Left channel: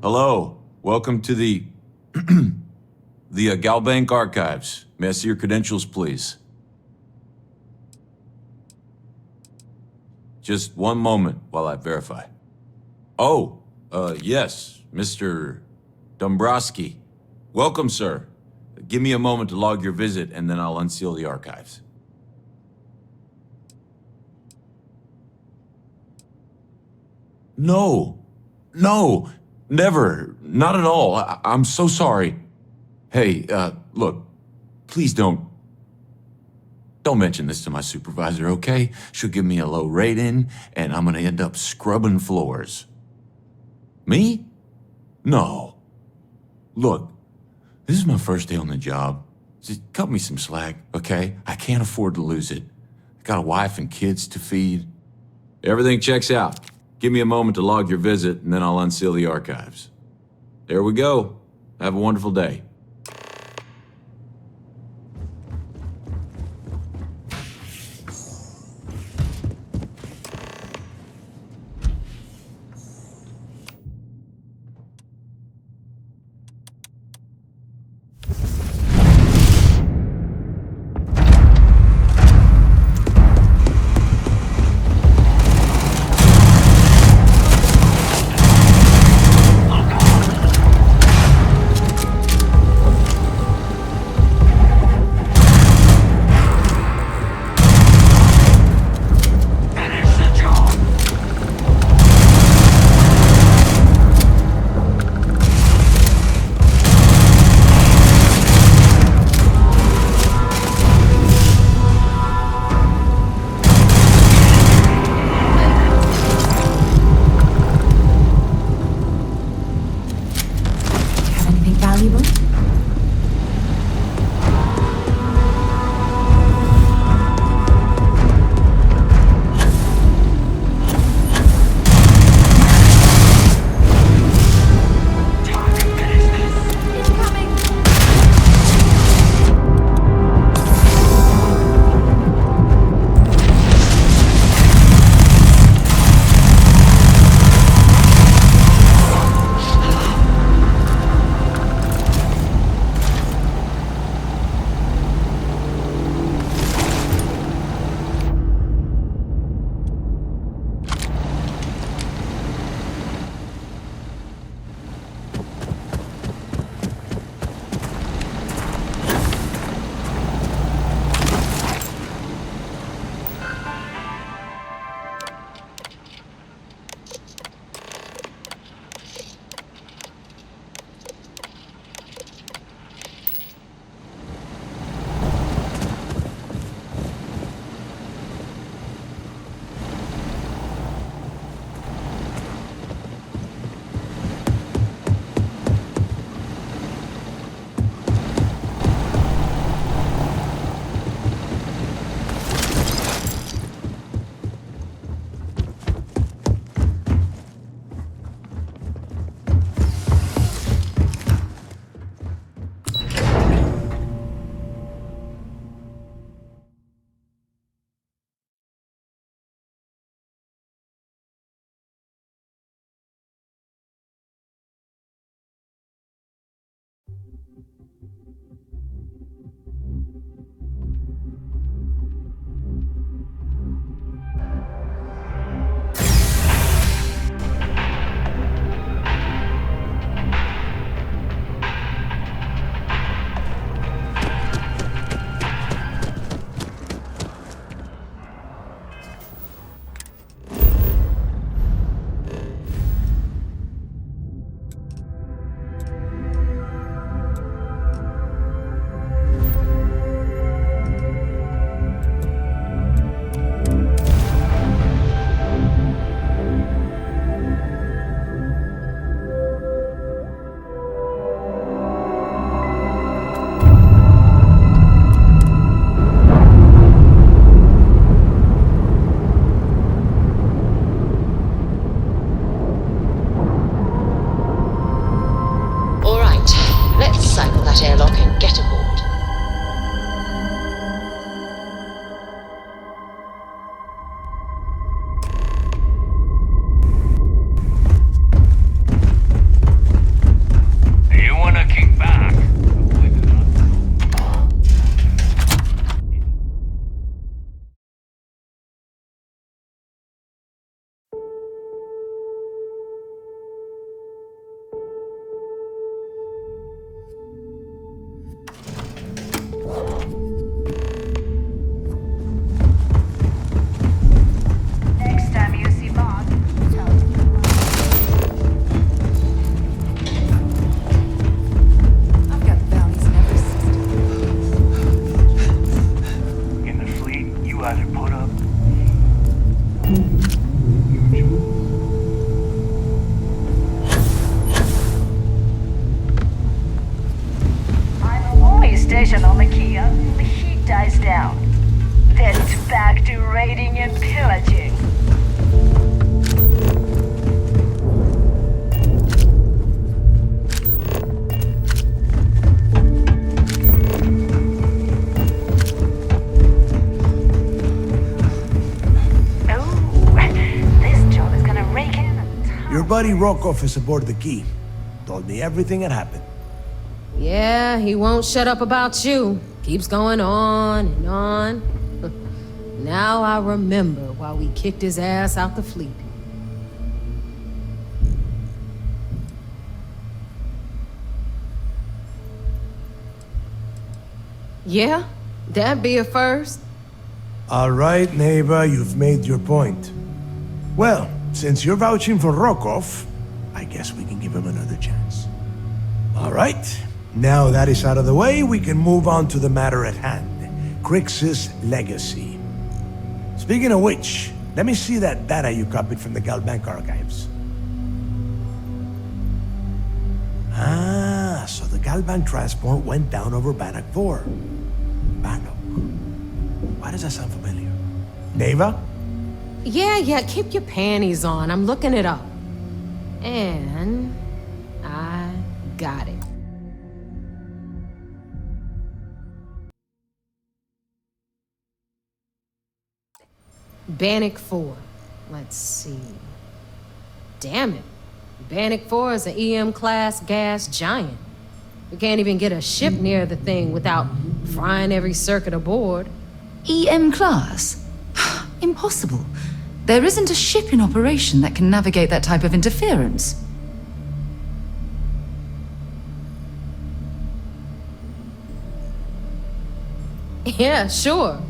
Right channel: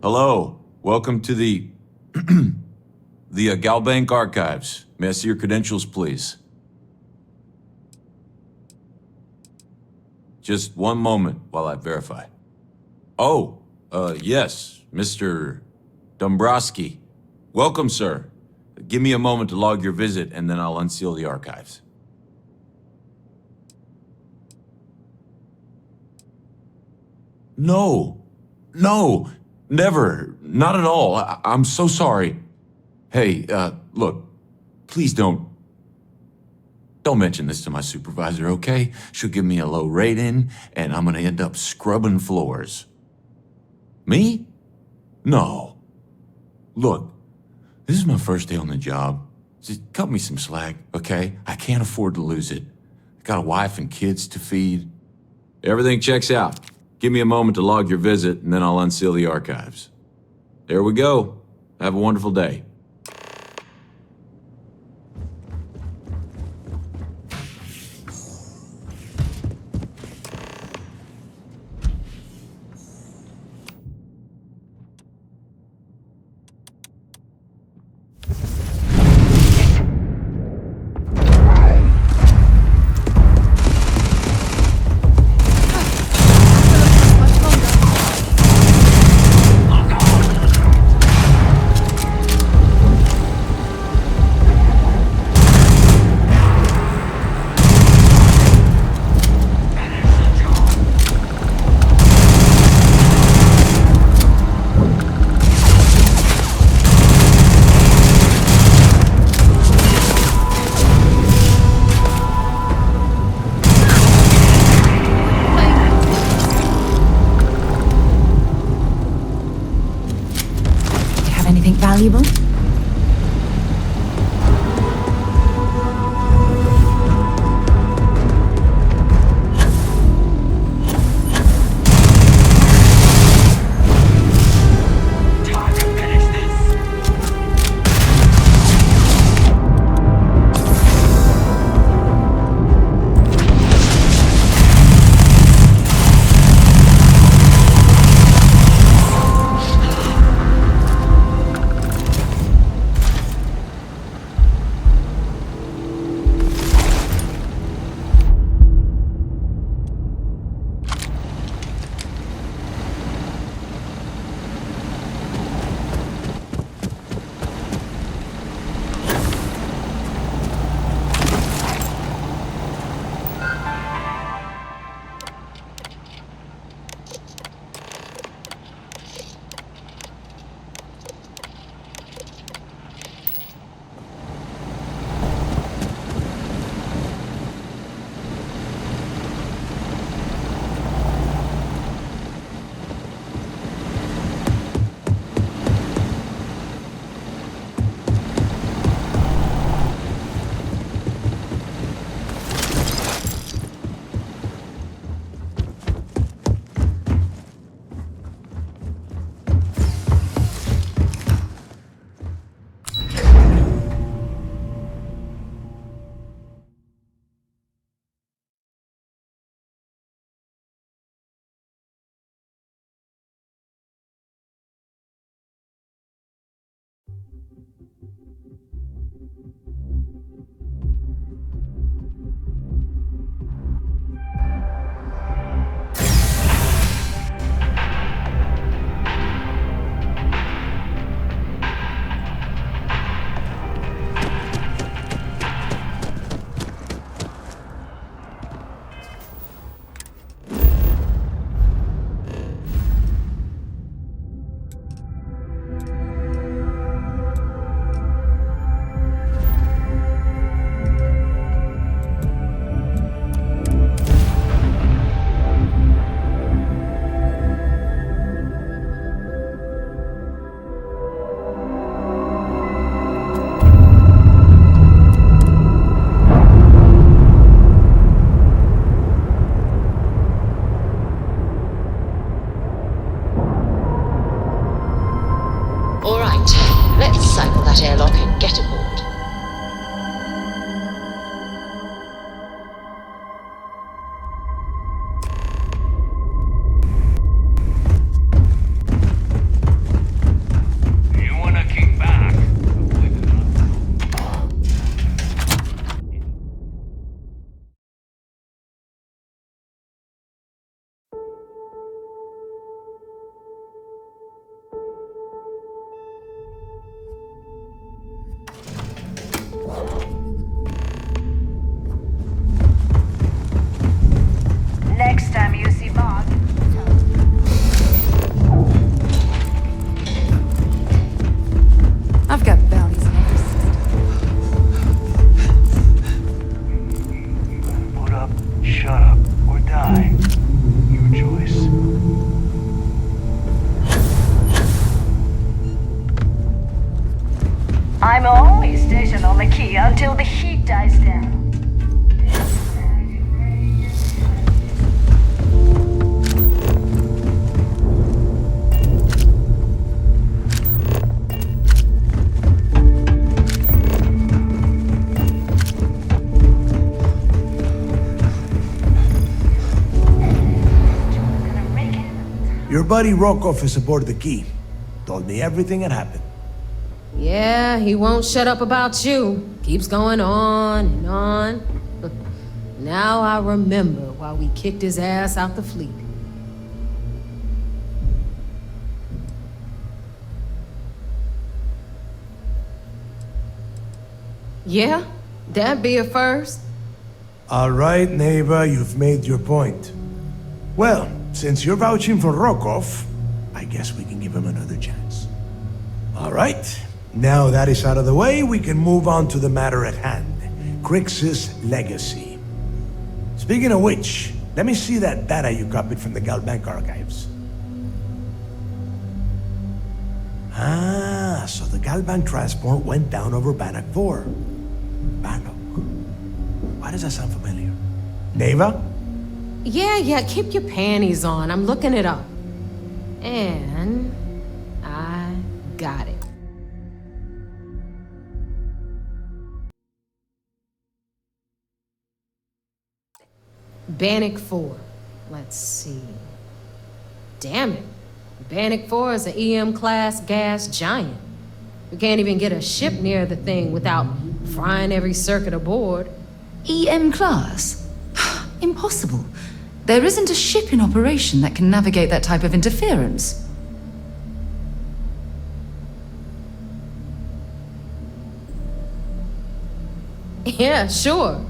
Hello, welcome to the Galbank archives. May I see your credentials, please? Just one moment while I verify. Oh, yes, Mr. Dombrowski. Welcome, sir. Give me a moment to log your visit, and then I'll unseal the archives. No, never, not at all. I'm so sorry. Hey, look, please don't mention this to my supervisor, okay? She'll give me a low rating, and I'm gonna end up scrubbing floors. Me? No. Look, this is my first day on the job. Just cut me some slack, okay? I can't afford to lose it. I got a wife and kids to feed. Everything checks out. Give me a moment to log your visit, and then I'll unseal the archives. There we go. Have a wonderful day. Your buddy Rokov is aboard the Key. Told me everything that happened. Yeah, he won't shut up about you. Keeps going on and on. Now I remember why we kicked his ass out the fleet. Yeah, that'd be a first. All right, neighbor, you've made your point. Well, since you're vouching for Rokov, I guess we can give him another chance. All right, now that is out of the way, we can move on to the matter at hand. Kryx's legacy. Speaking of which, let me see that data you copied from the Galbank archives. Ah, so the Galbank transport went down over Bannock 4. Bannock. Why does that sound familiar? Neva? Yeah, keep your panties on. I'm looking it up. And I got it. Bannock 4. Let's see. Damn it. Bannock 4 is an EM-class gas giant. We can't even get a ship near the thing without frying every circuit aboard. EM class? Impossible. There isn't a ship in operation that can navigate that type of interference. Yeah, sure.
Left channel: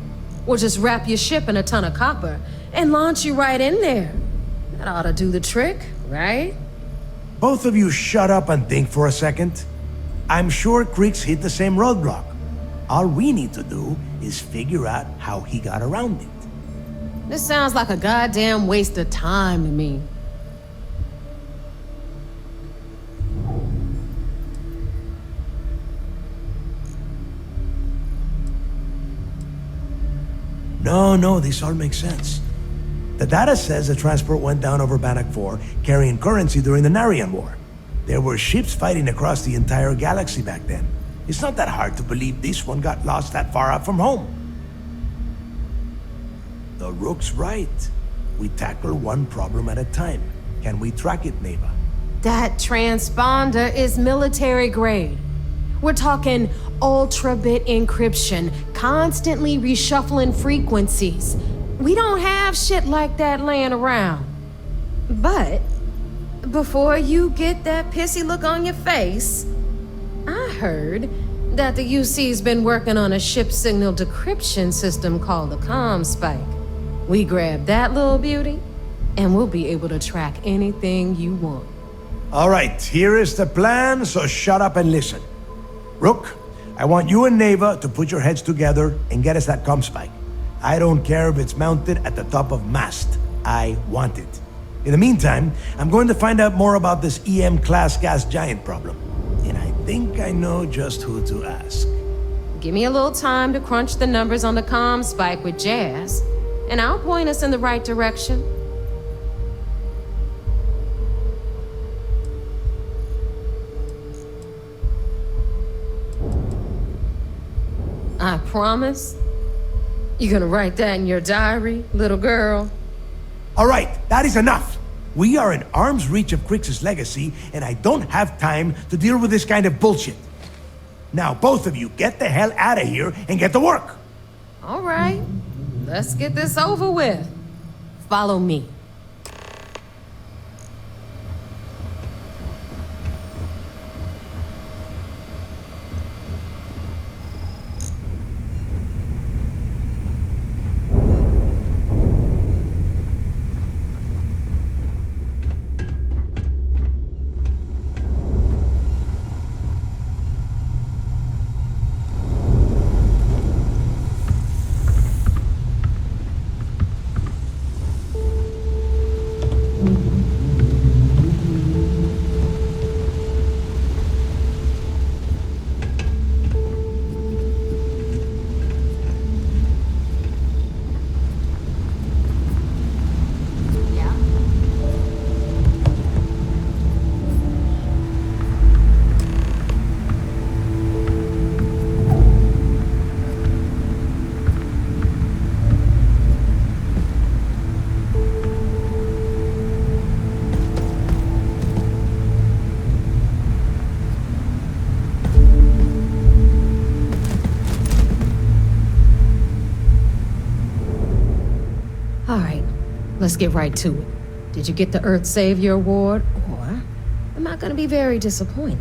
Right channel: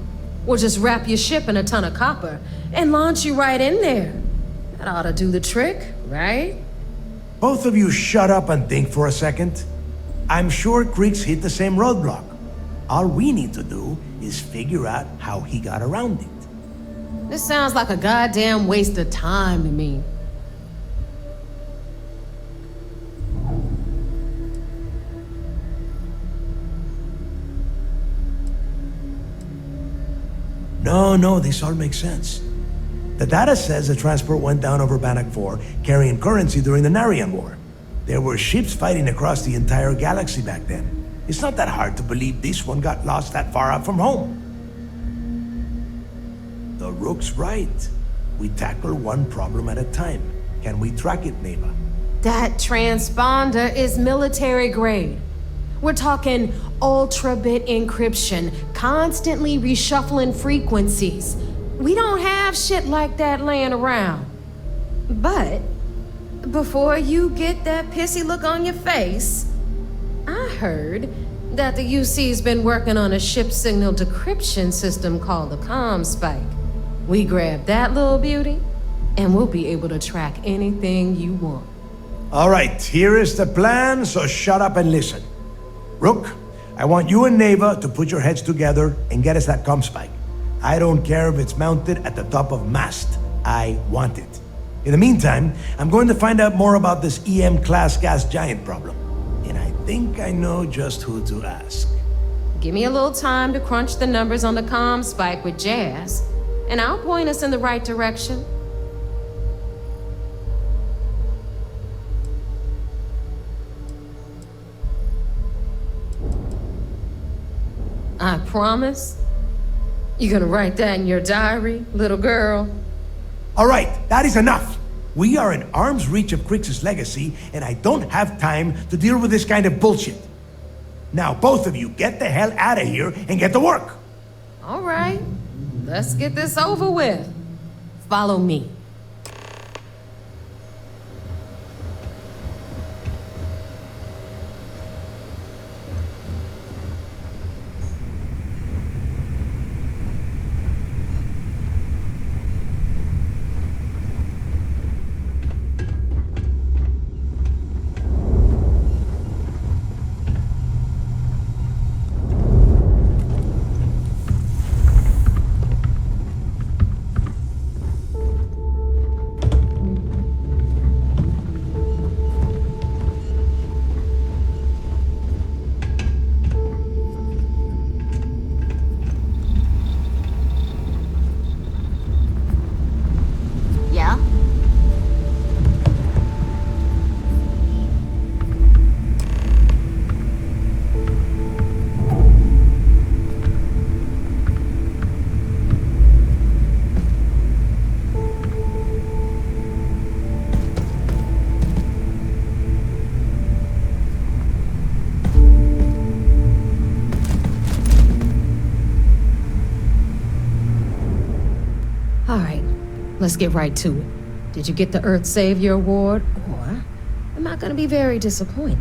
We'll just wrap your ship in a ton of copper and launch you right in there. That ought to do the trick, right? Both of you shut up and think for a second. I'm sure Kryx hit the same roadblock. All we need to do is figure out how he got around it. This sounds like a goddamn waste of time to me. No, this all makes sense. The data says the transport went down over Bannock 4, carrying currency during the Narian War. There were ships fighting across the entire galaxy back then. It's not that hard to believe this one got lost that far out from home. The Rook's right. We tackle one problem at a time. Can we track it, Neva? That transponder is military grade. We're talking ultra-bit encryption, constantly reshuffling frequencies. We don't have shit like that laying around. But before you get that pissy look on your face, I heard that the UC's been working on a ship signal decryption system called the ComSpike. We grab that little beauty, and we'll be able to track anything you want. All right, here is the plan, so shut up and listen. Rook, I want you and Neva to put your heads together and get us that ComSpike. I don't care if it's mounted at the top of mast. I want it. In the meantime, I'm going to find out more about this EM-class gas giant problem. And I think I know just who to ask. Give me a little time to crunch the numbers on the ComSpike with Jazz, and I'll point us in the right direction. I promise. You gonna write that in your diary, little girl? All right, that is enough. We are in arm's reach of Kryx's legacy, and I don't have time to deal with this kind of bullshit. Now, both of you, get the hell out of here and get to work. All right, let's get this over with. Follow me. let's get right to it. Did you get the Earth Savior Award, or am I gonna be very disappointed?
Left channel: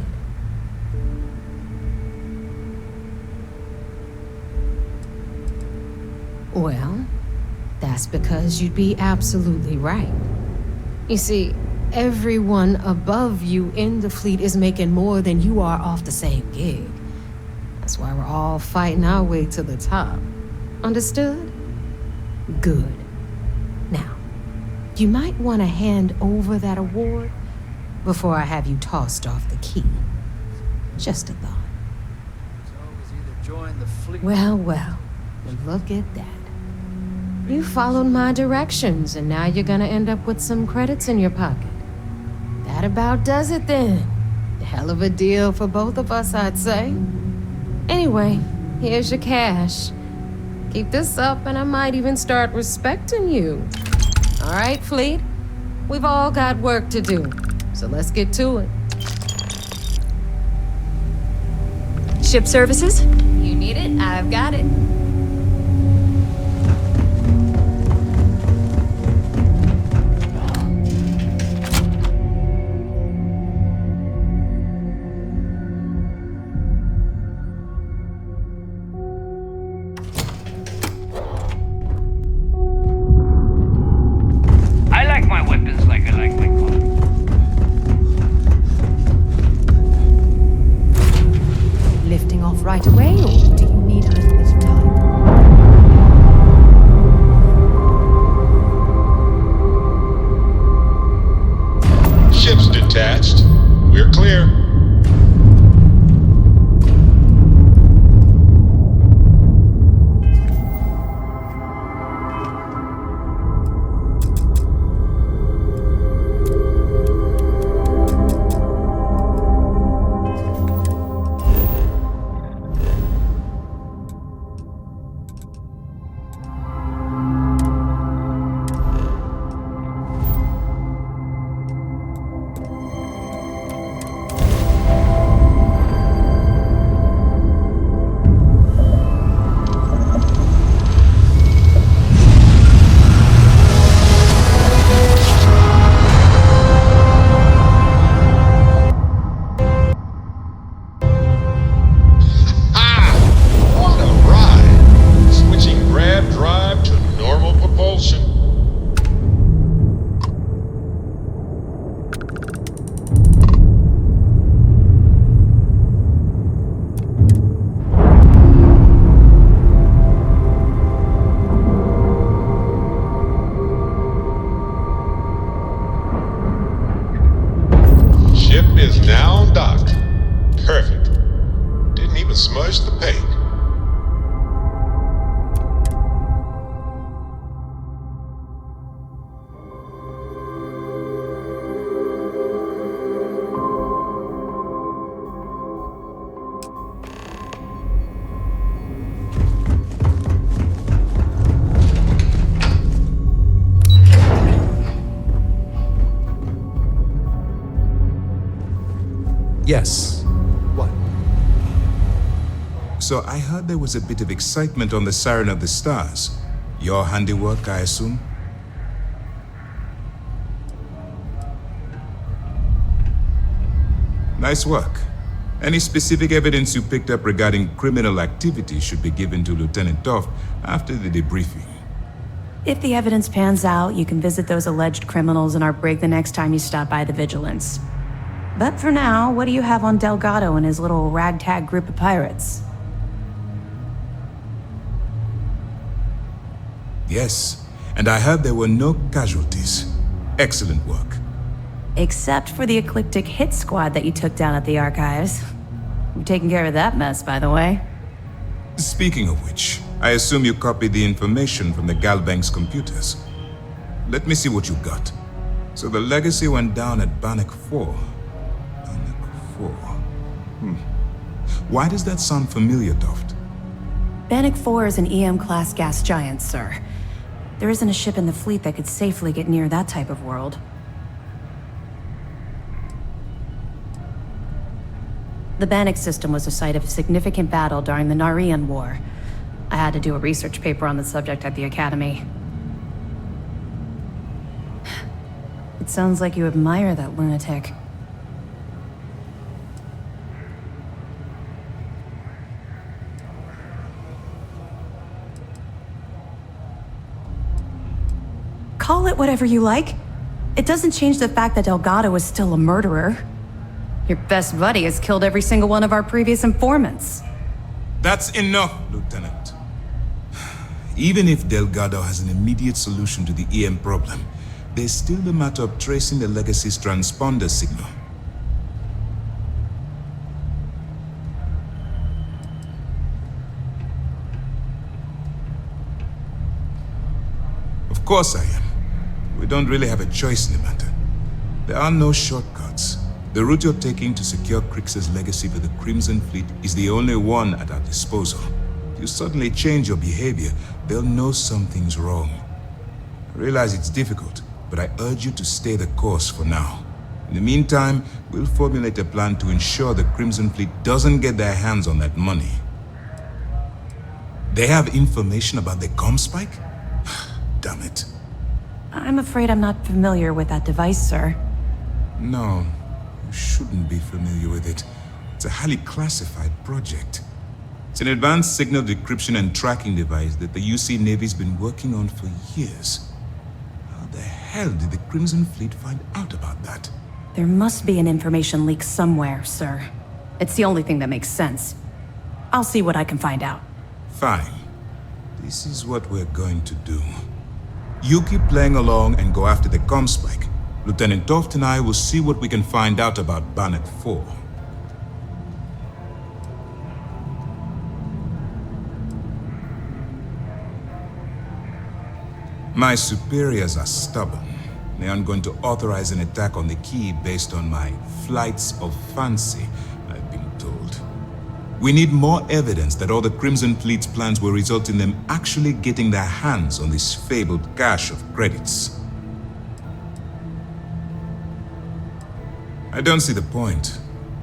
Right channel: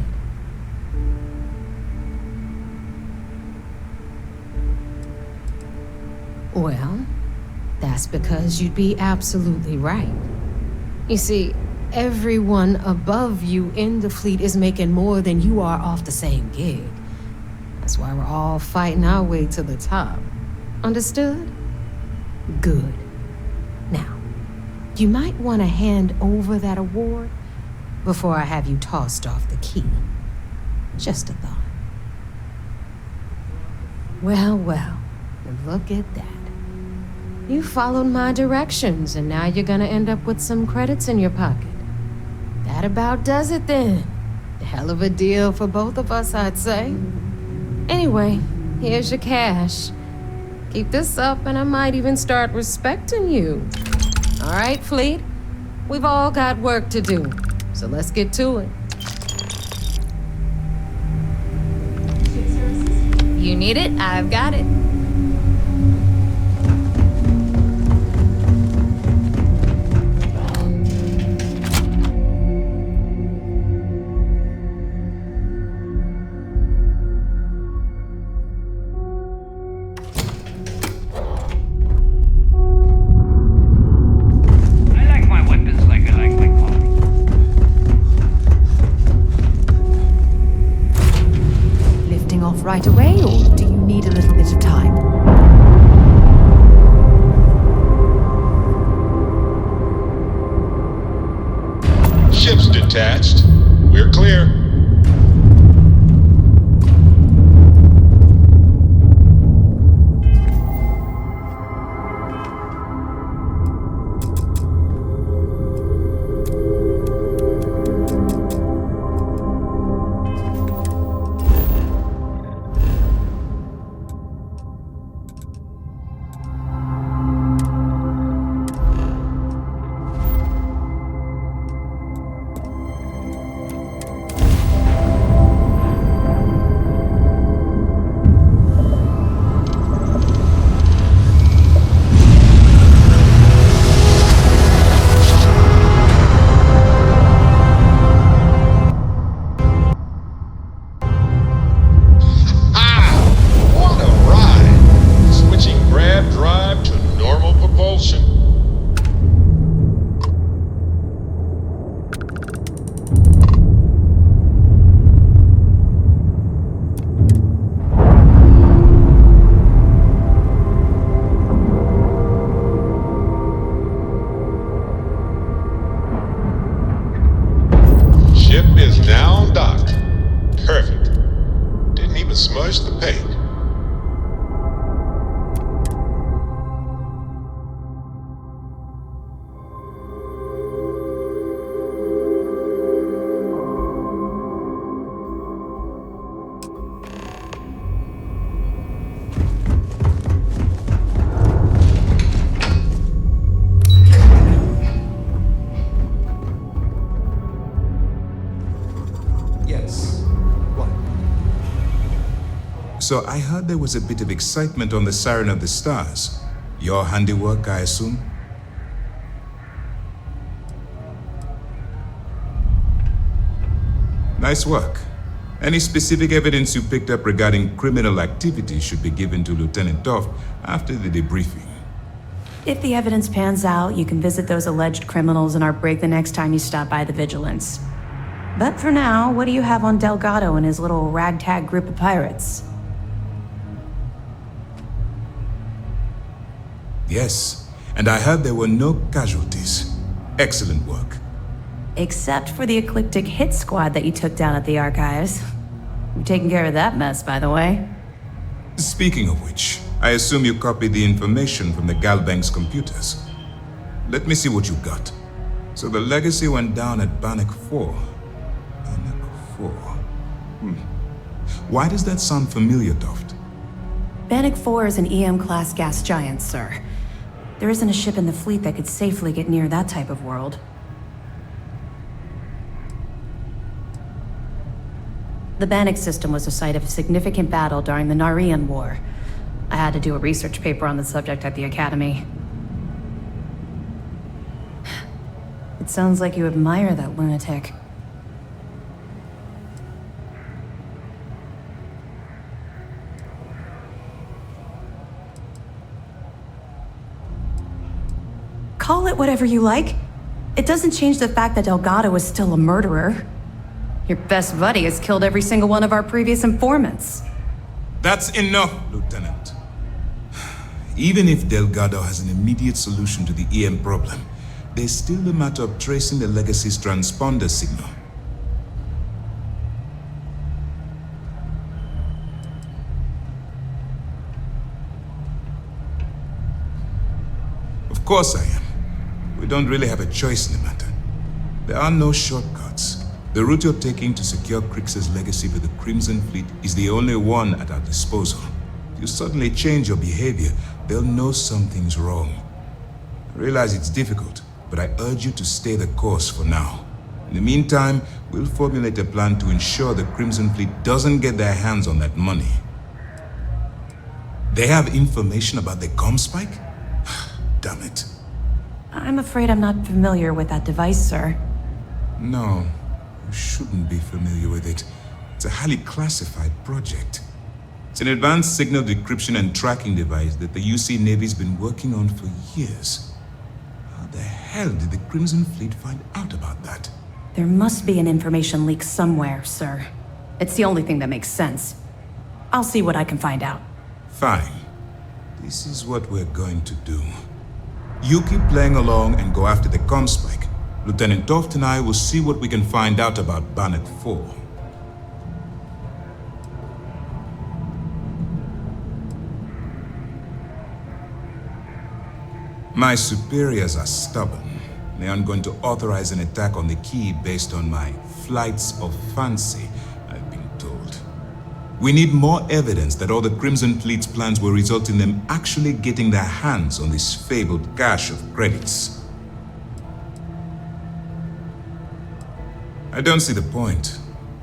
Well, that's because you'd be absolutely right. You see, everyone above you in the fleet is making more than you are off the same gig. That's why we're all fighting our way to the top. Understood? Good. Now, you might want to hand over that award before I have you tossed off the key. Just a thought. Well, look at that. You followed my directions, and now you're gonna end up with some credits in your pocket. That about does it then. A hell of a deal for both of us, I'd say. Anyway, here's your cash. Keep this up, and I might even start respecting you. All right, Fleet? We've all got work to do, so let's get to it. Ship services? You need it, I've got it. Right away, or do you need a little bit of time? Ship's detached. We're clear. Is now docked. Perfect. Didn't even smudge the paint. Yes. What? So I heard there was a bit of excitement on the Siren of the Stars. Your handiwork, I assume? Nice work. Any specific evidence you picked up regarding criminal activity should be given to Lieutenant Toft after the debriefing. If the evidence pans out, you can visit those alleged criminals in our brig the next time you stop by the Vigilance. But for now, what do you have on Delgado and his little ragtag group of pirates? Yes, and I heard there were no casualties. Excellent work. Except for the eclectic hit squad that you took down at the archives. You've taken care of that mess, by the way. Speaking of which, I assume you copied the information from the Galbank's computers. Let me see what you got. So the legacy went down at Bannock 4. Why does that sound familiar, Toft? Bannock 4 is an EM-class gas giant, sir. There isn't a ship in the fleet that could safely get near that type of world. The Bannock system was the site of a significant battle during the Narian War. I had to do a research paper on the subject at the Academy. It sounds like you admire that lunatic. Call it whatever you like. It doesn't change the fact that Delgado is still a murderer. Your best buddy has killed every single one of our previous informants. That's enough, Lieutenant. Even if Delgado has an immediate solution to the EM problem, there's still the matter of tracing the Legacy's transponder signal. Of course I am. We don't really have a choice in the matter. There are no shortcuts. The route you're taking to secure Crix's legacy for the Crimson Fleet is the only one at our disposal. If you suddenly change your behavior, they'll know something's wrong. I realize it's difficult, but I urge you to stay the course for now. In the meantime, we'll formulate a plan to ensure the Crimson Fleet doesn't get their hands on that money. They have information about the comm spike? Damn it. I'm afraid I'm not familiar with that device, sir. No, you shouldn't be familiar with it. It's a highly classified project. It's an advanced signal decryption and tracking device that the UC Navy's been working on for years. How the hell did the Crimson Fleet find out about that? There must be an information leak somewhere, sir. It's the only thing that makes sense. I'll see what I can find out. Fine. This is what we're going to do. You keep playing along and go after the comm spike. Lieutenant Toft and I will see what we can find out about Bannock 4. My superiors are stubborn. They aren't going to authorize an attack on the key based on my flights of fancy, I've been told. We need more evidence that all the Crimson Fleet's plans will result in them actually getting their hands on this fabled cache of credits. I don't see the point.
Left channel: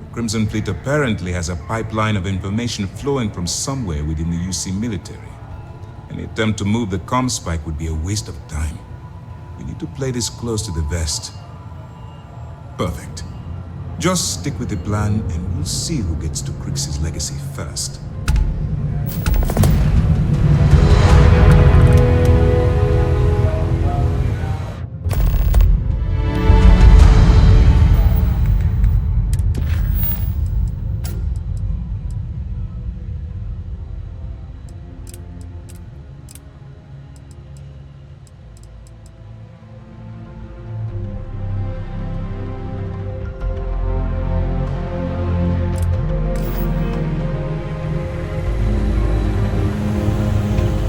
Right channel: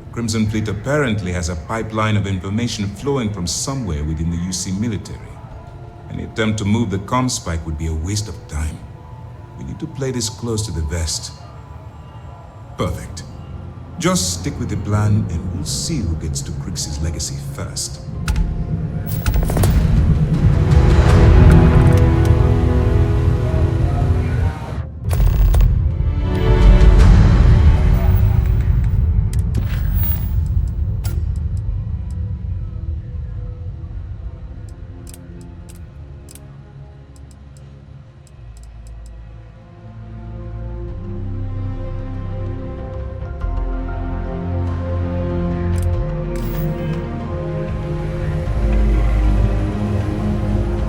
The Crimson Fleet apparently has a pipeline of information flowing from somewhere within the UC military. Any attempt to move the comm spike would be a waste of time. We need to play this close to the vest. Perfect. Just stick with the plan and we'll see who gets to Crix's legacy first.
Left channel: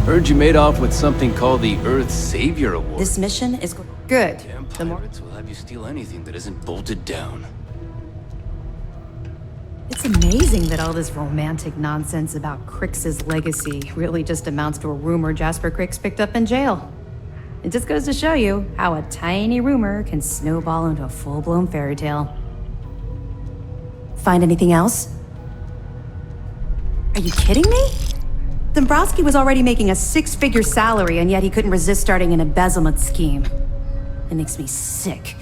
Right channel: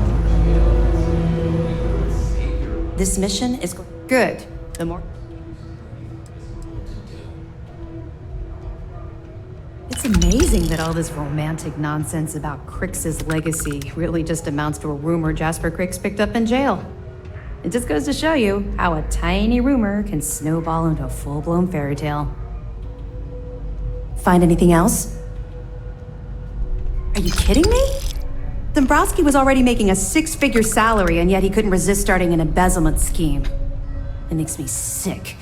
Heard you made off with something called the Earth Savior Award. This mission is good. The more will have you steal anything that isn't bolted down. It's amazing that all this romantic nonsense about Crix's legacy really just amounts to a rumor Jasper Crix picked up in jail. It just goes to show you how a tiny rumor can snowball into a full-blown fairy tale. Find anything else? Are you kidding me? Dombrowski was already making a 6-figure salary, and yet he couldn't resist starting an embezzlement scheme. It makes me sick.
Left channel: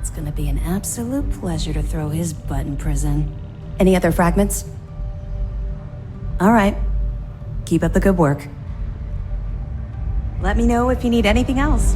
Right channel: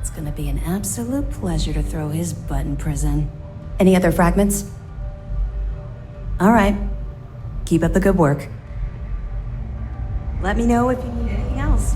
It's gonna be an absolute pleasure to throw his butt in prison. Any other fragments? All right. Keep up the good work. Let me know if you need anything else.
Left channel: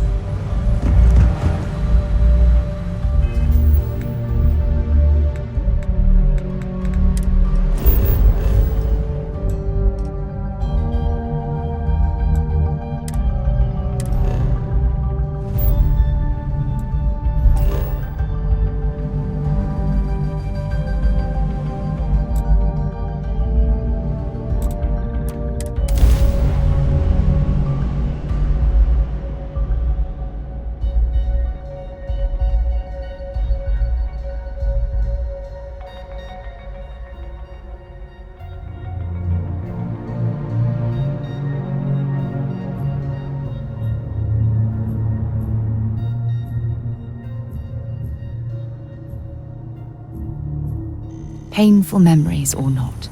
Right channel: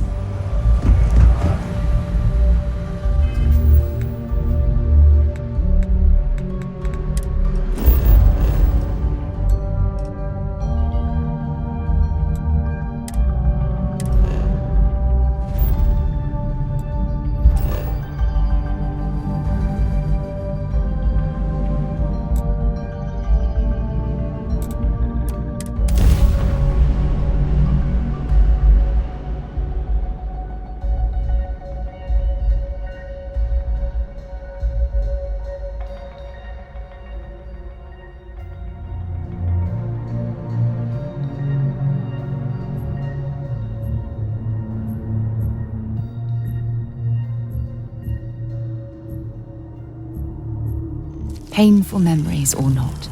Painful memories or not.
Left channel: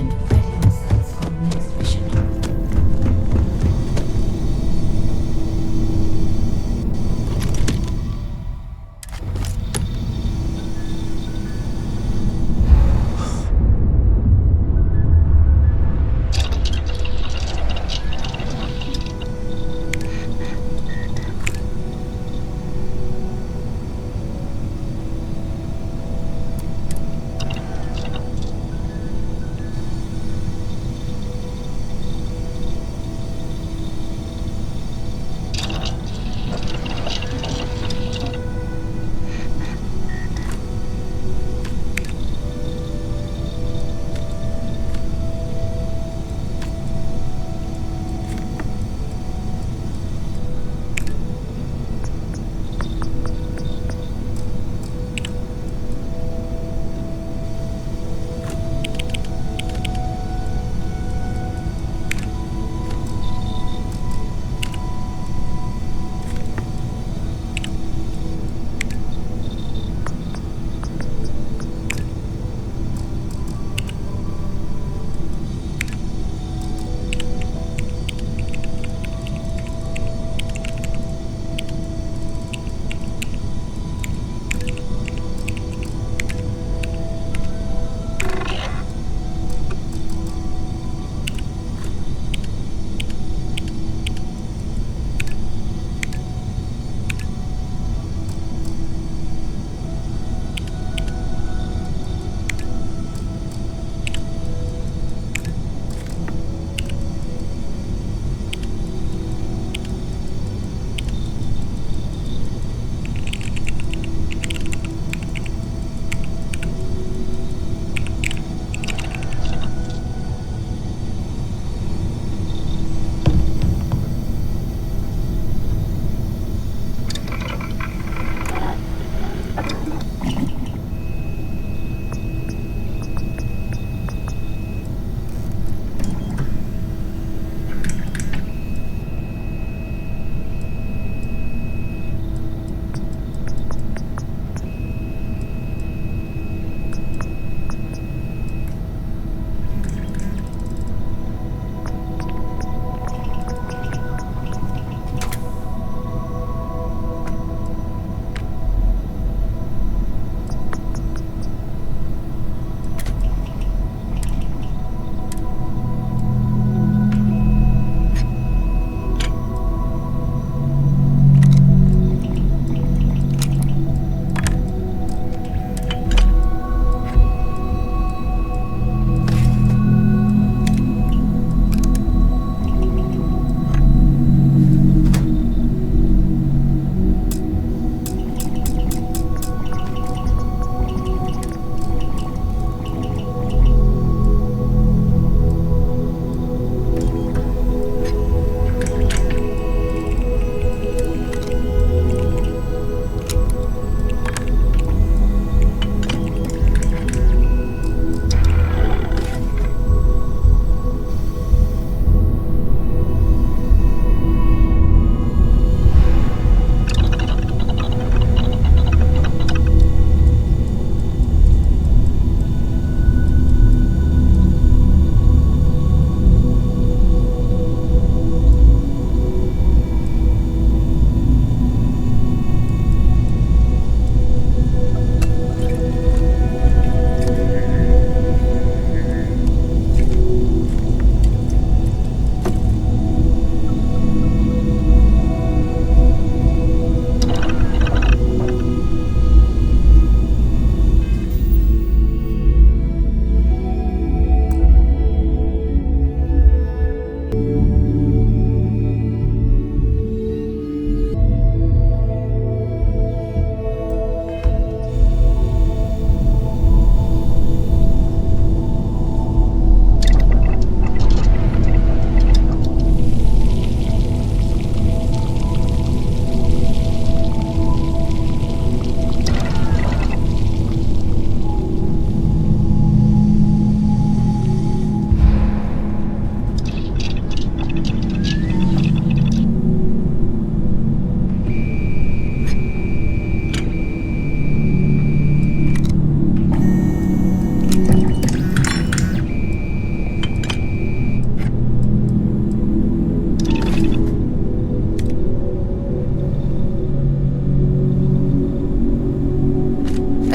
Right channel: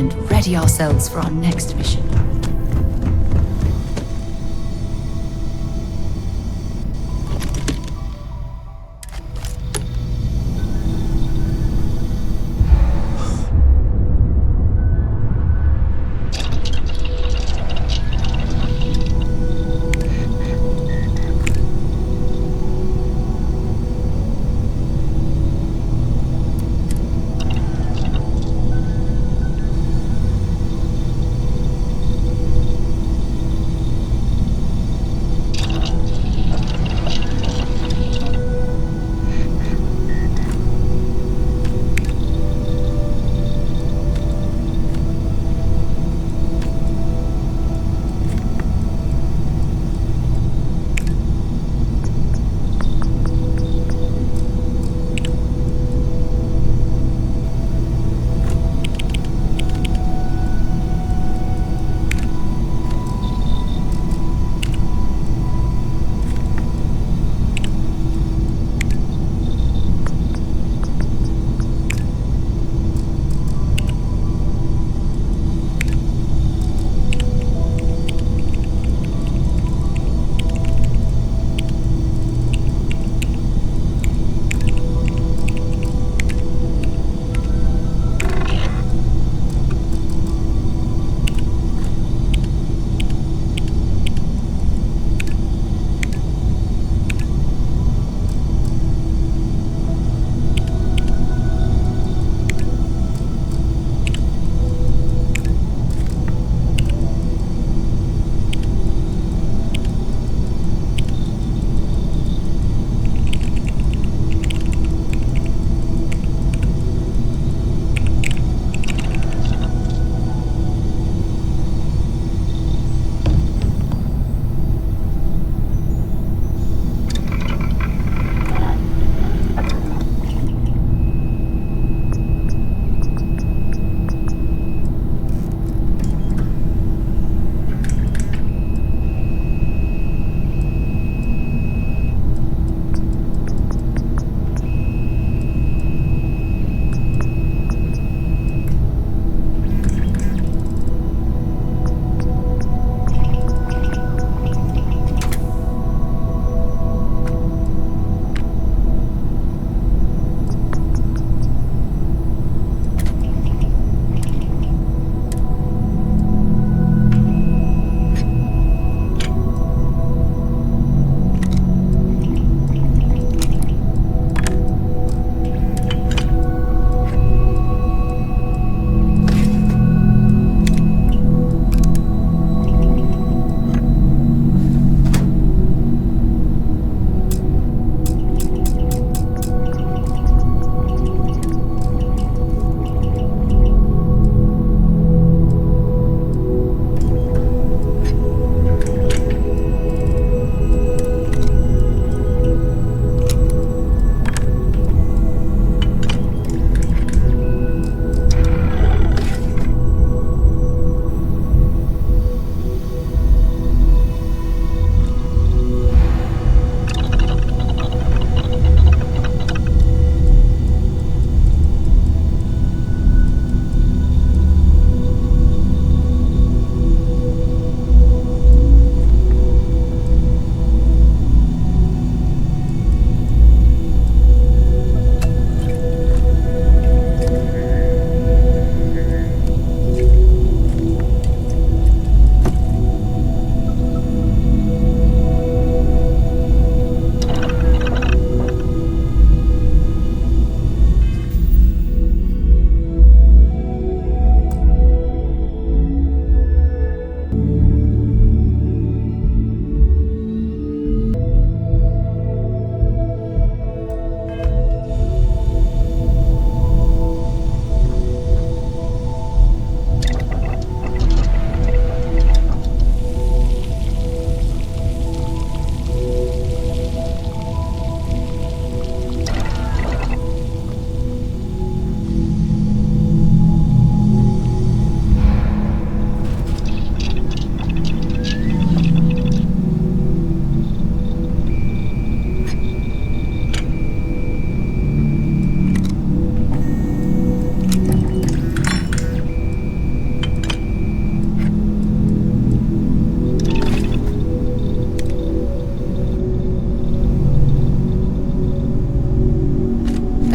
and ready ourselves for our next mission.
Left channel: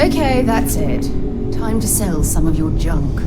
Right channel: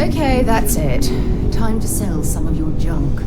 Okay, that's it. Time to sell some of your junk.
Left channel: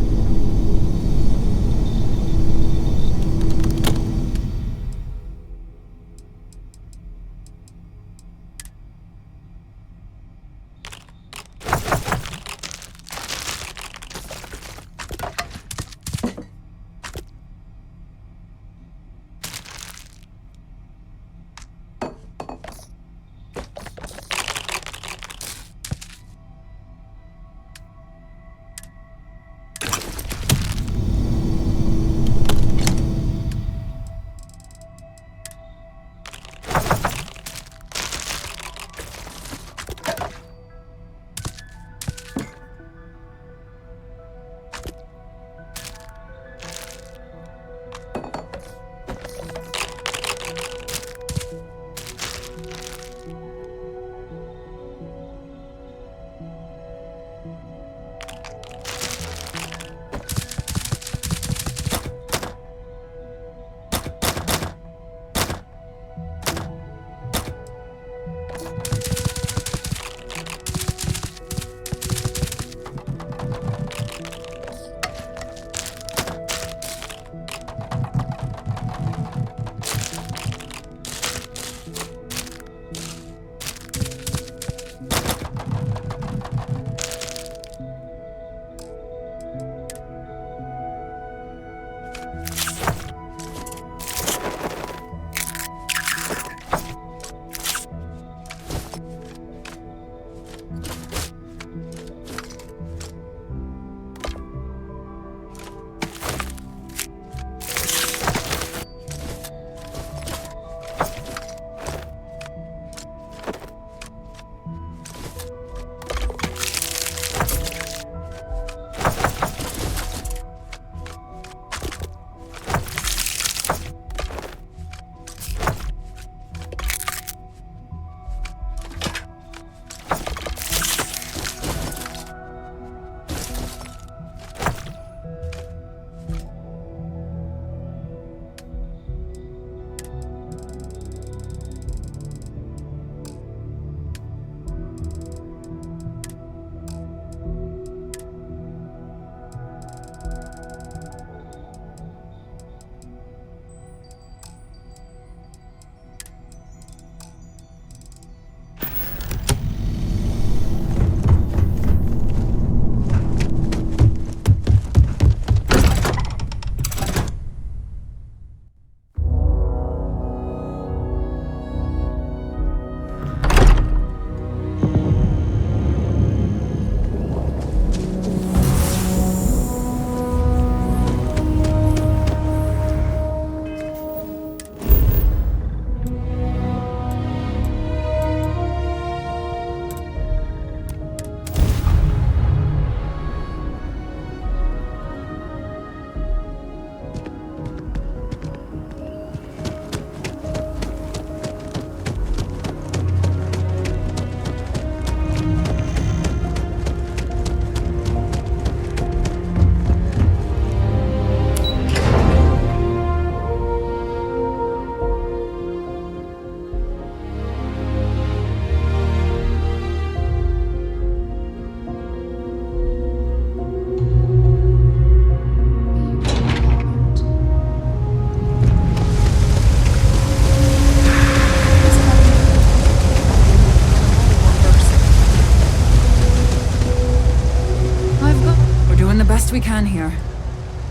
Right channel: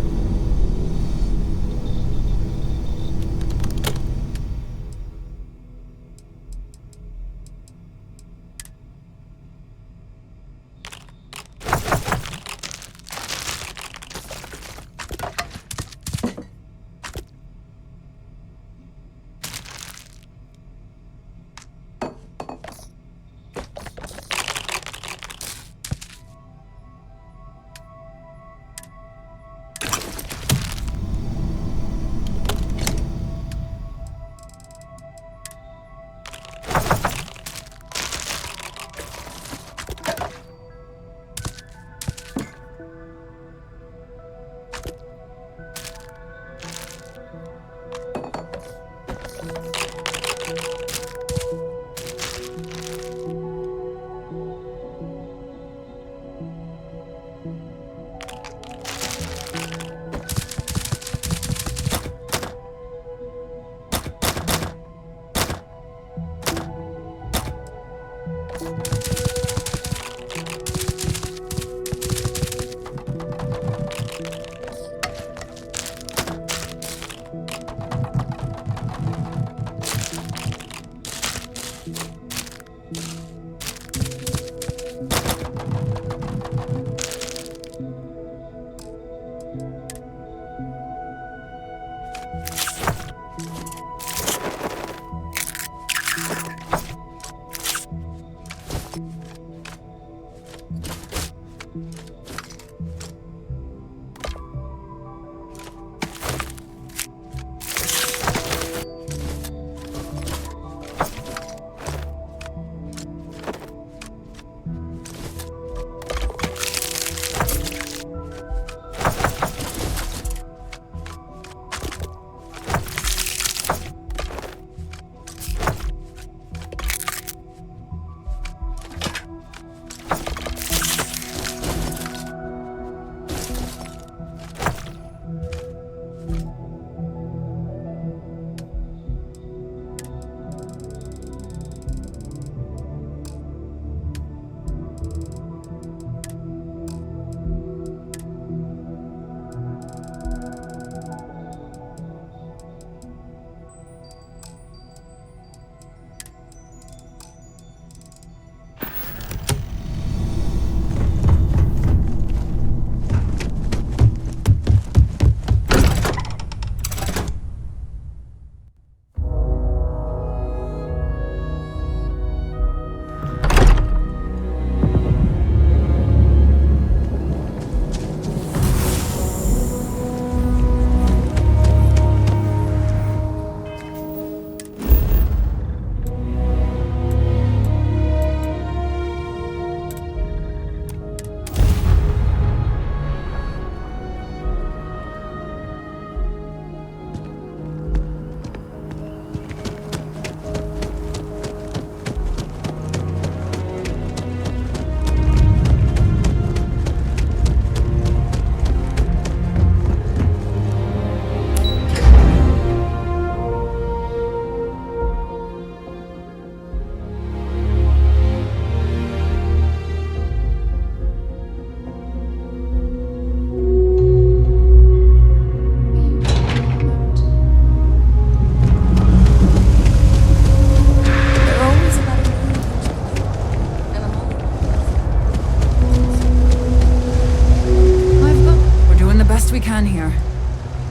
best we can here.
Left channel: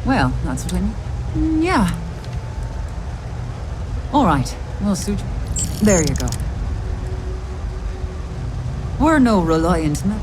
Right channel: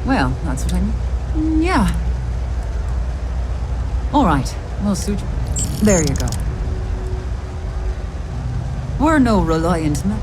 Well, that's what I mean. Yeah. All right, we'll suit you. There you go. We're no reliant men.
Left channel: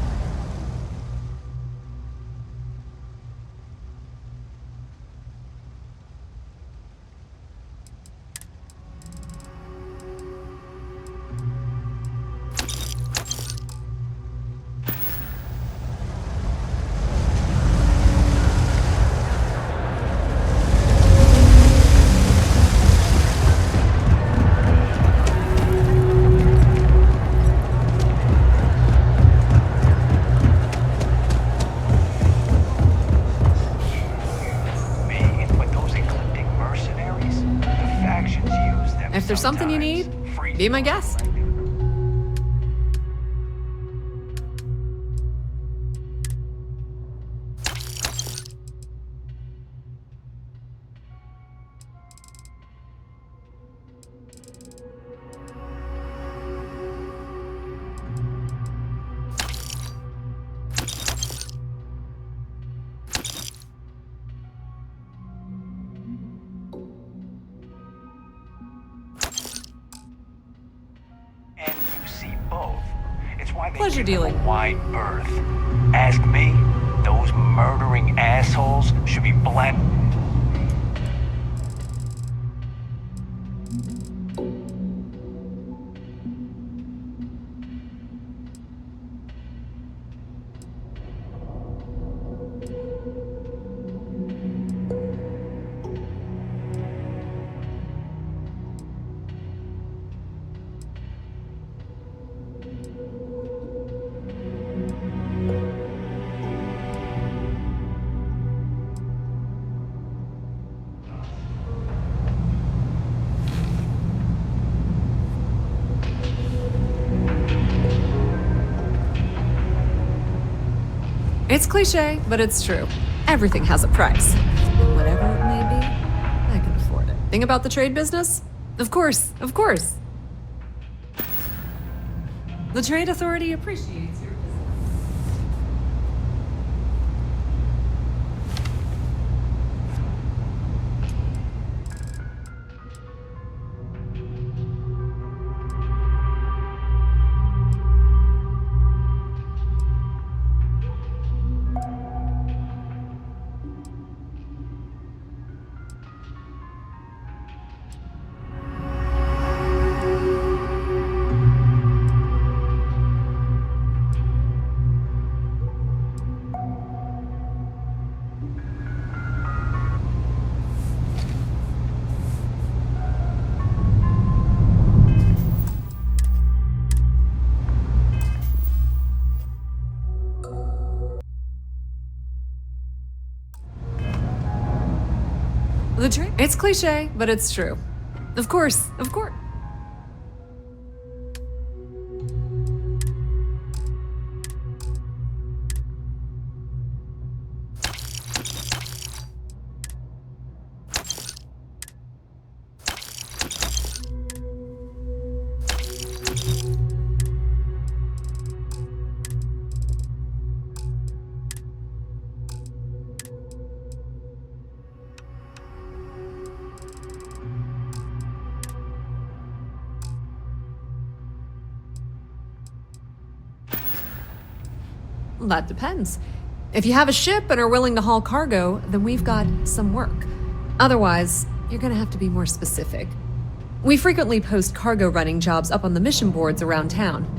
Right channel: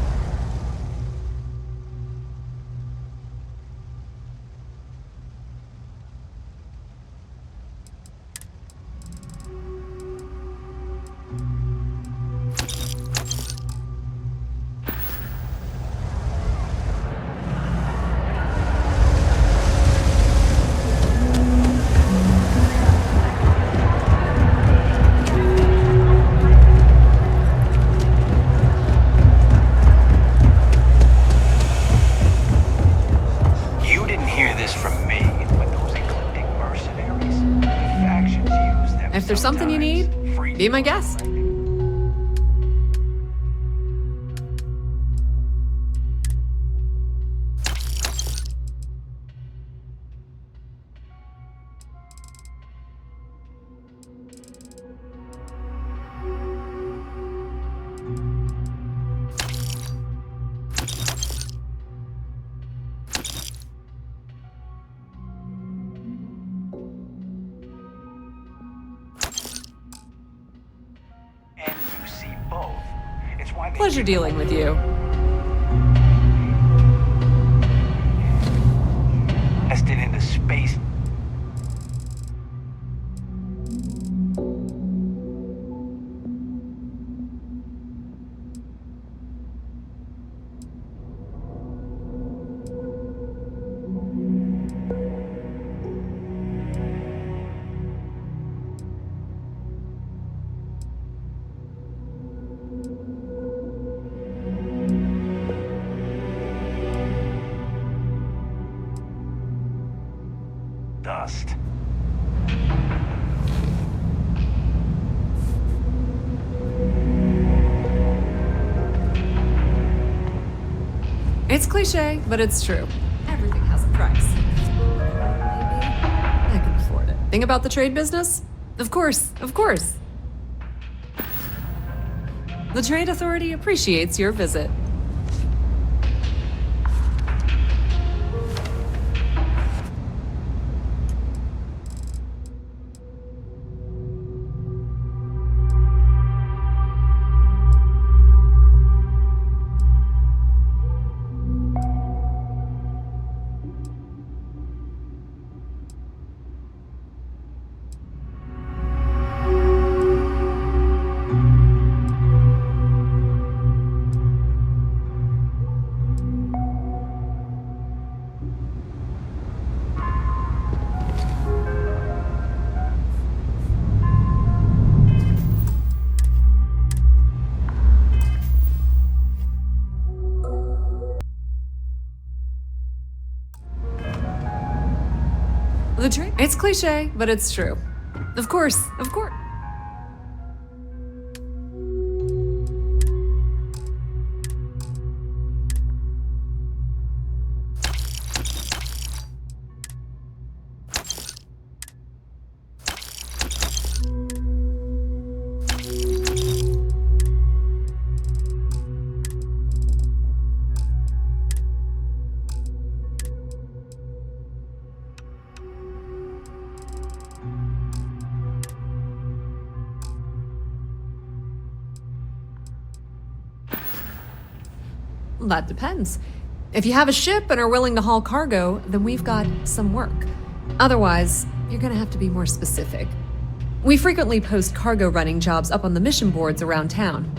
If there's something you need, be my guest. see both. It's why they Pleasure give them dealing a with you. wide berth. Ask me, those murdering assholes should be blasted into space. Dust. It's cliche, but it's true. Everything has a price. Whatever it may be, I can afford it. Thing about the trade business? Of course, of course. The Trade Authority appreciates your visit. It's cliche, but it's true. Of course, of course. That depends. If you have a ship and are willing to haul cargo, then we've got some work. Otherwise, you're gonna have to be more specific. We frequently post cargo running jobs up on the mission boards around town.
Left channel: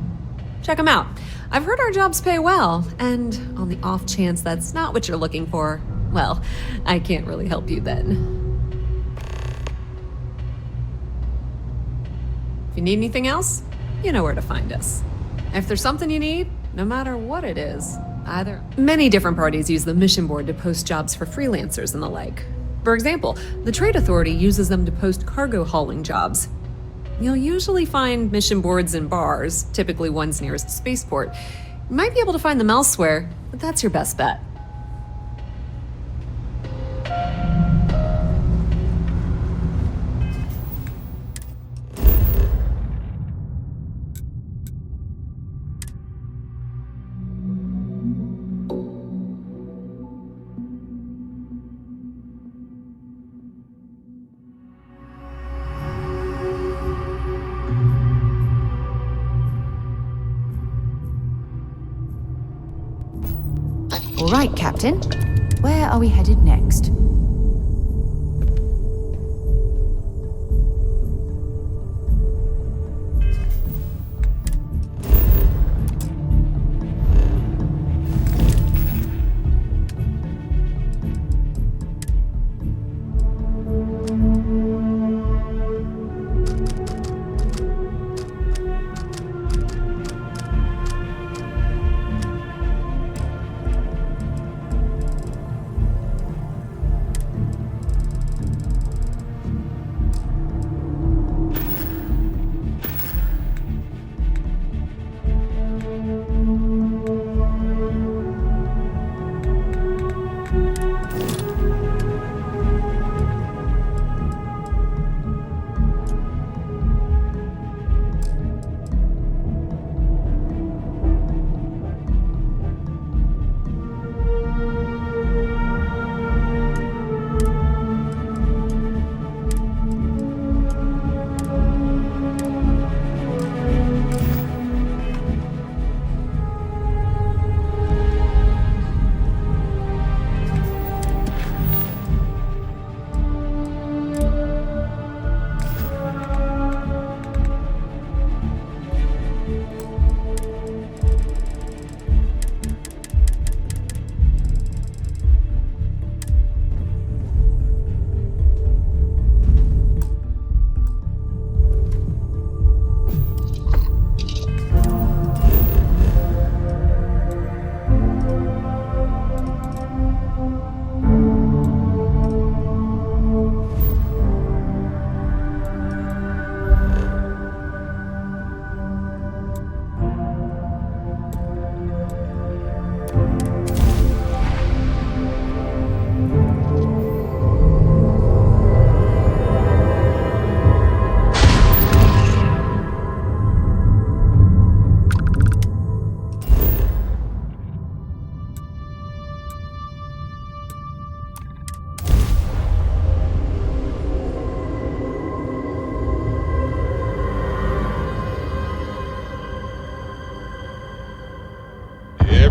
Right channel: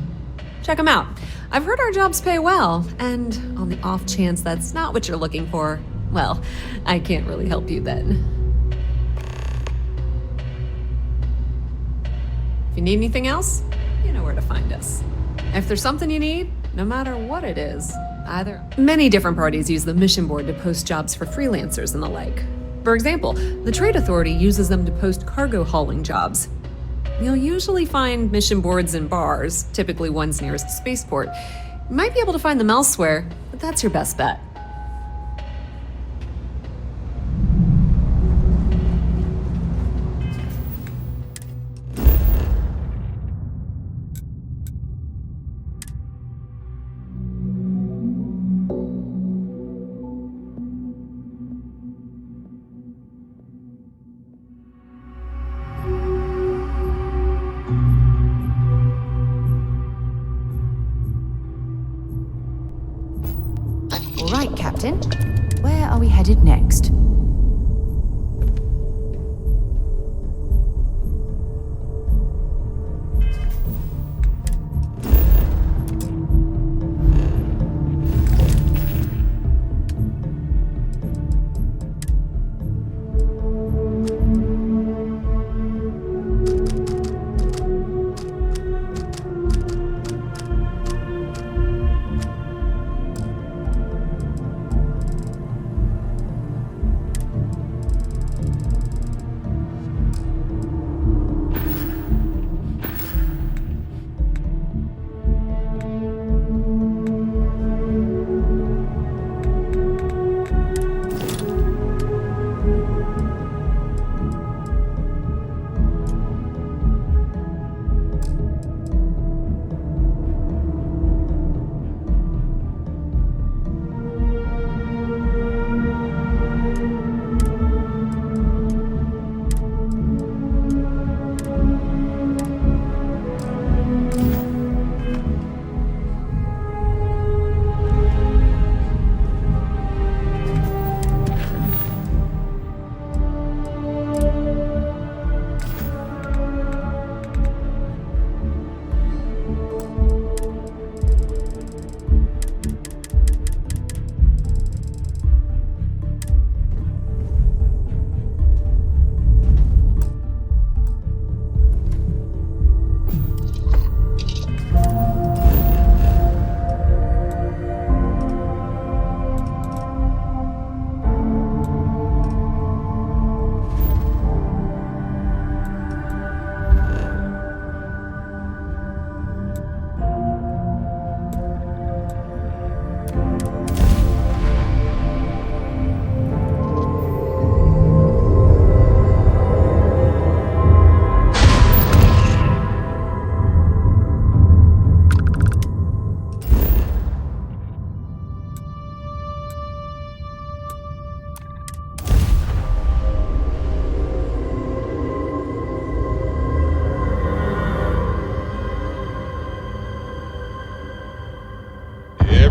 Check them out. I've heard our jobs pay well, and on the off chance that's not what you're looking for, well, I can't really help you then. If you need anything else, you know where to find us. If there's something you need, no matter what it is, either. Many different parties use the mission board to post jobs for freelancers and the like. For example, the Trade Authority uses them to post cargo hauling jobs. You'll usually find mission boards in bars, typically ones nearest a spaceport. You might be able to find them elsewhere, but that's your best bet. All right, Captain. Where are we headed next?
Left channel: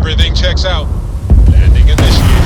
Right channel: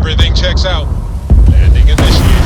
Everything checks out. Landing initiated.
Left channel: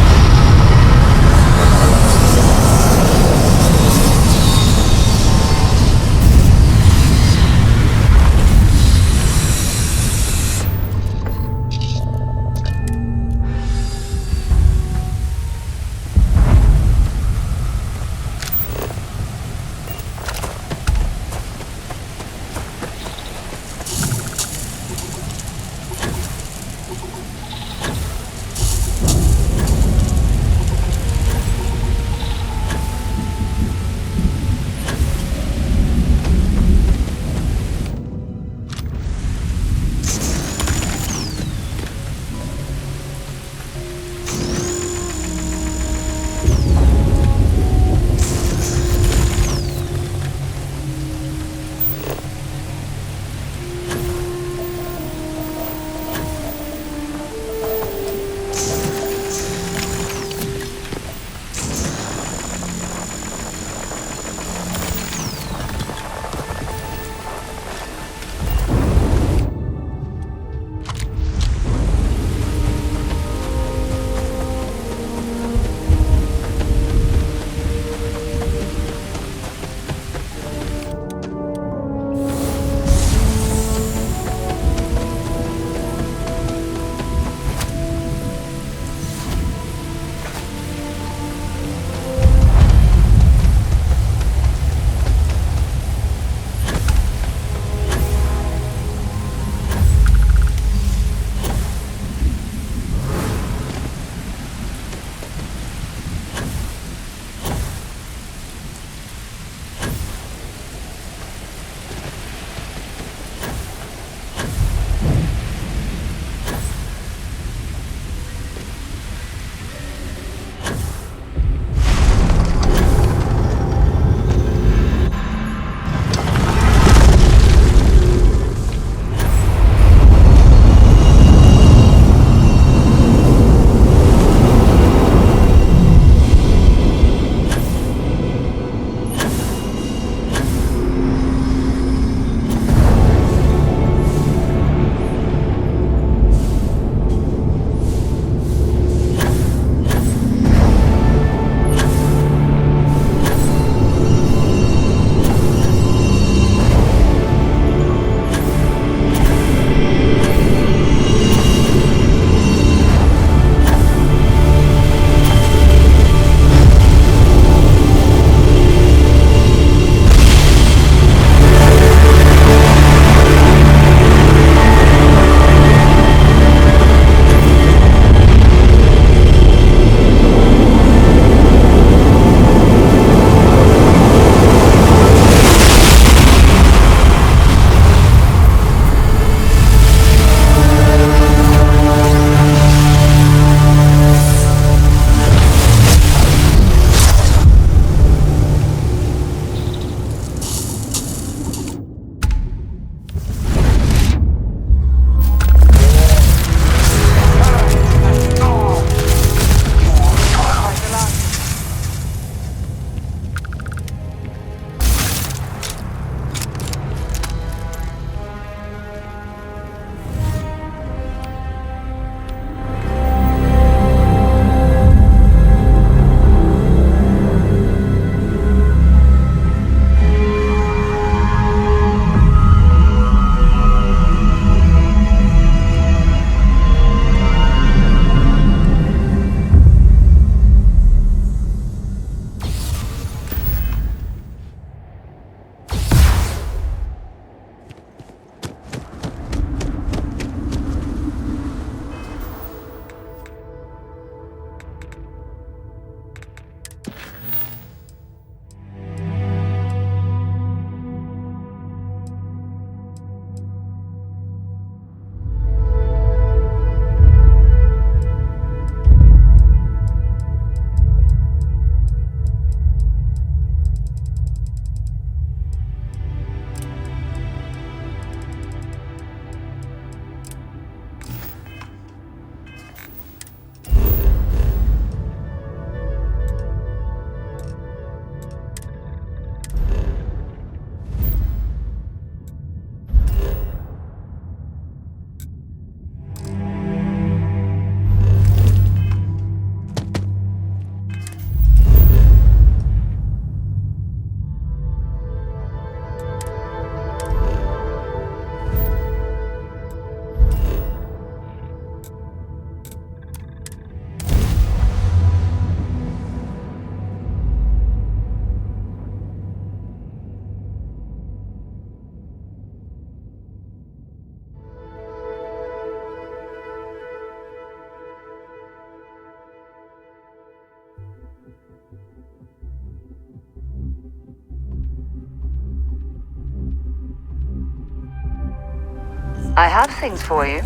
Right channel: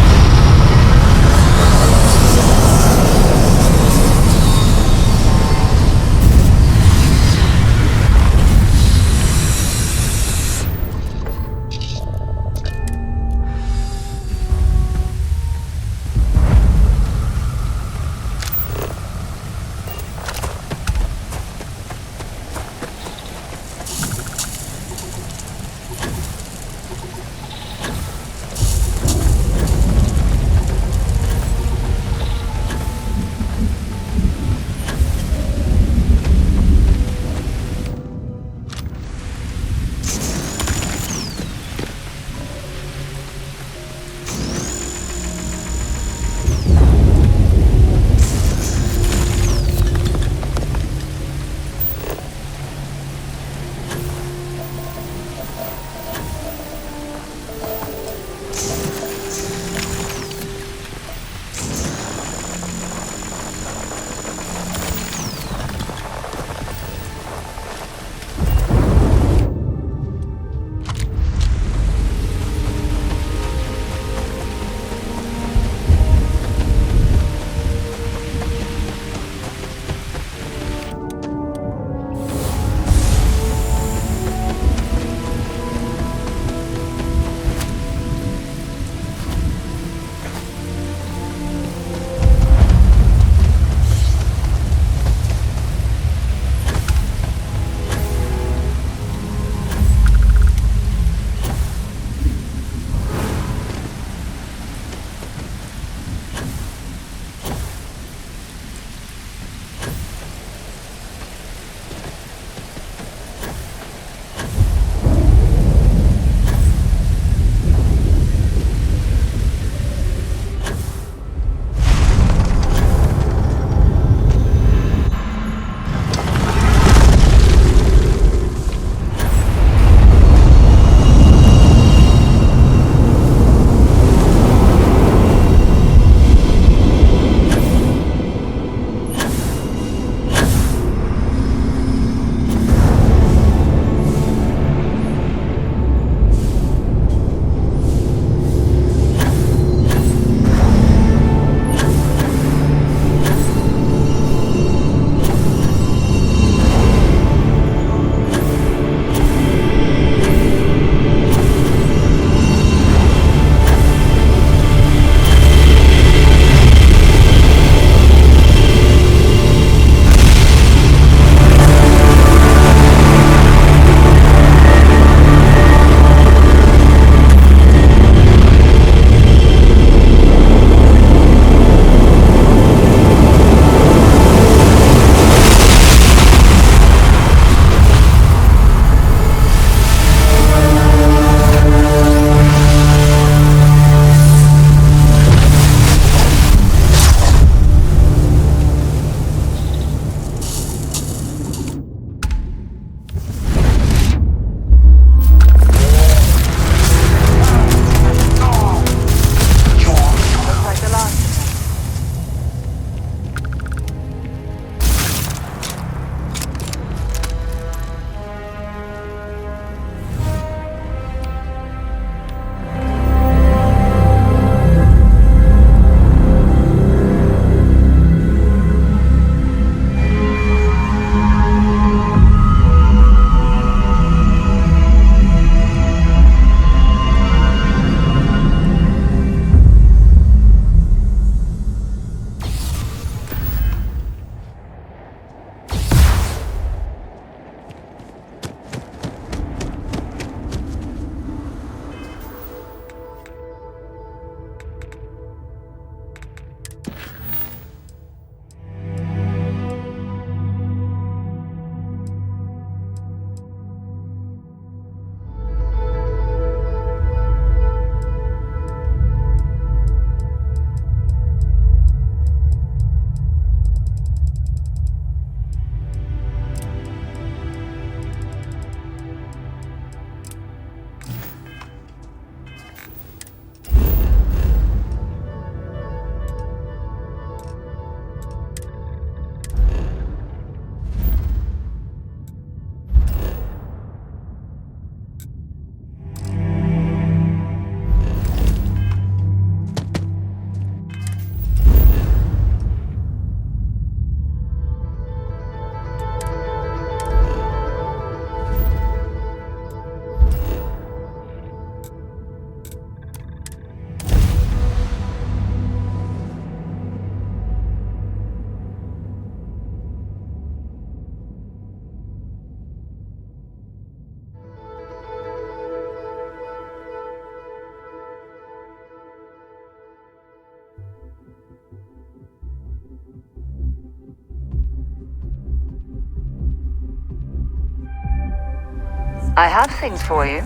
I have things for you.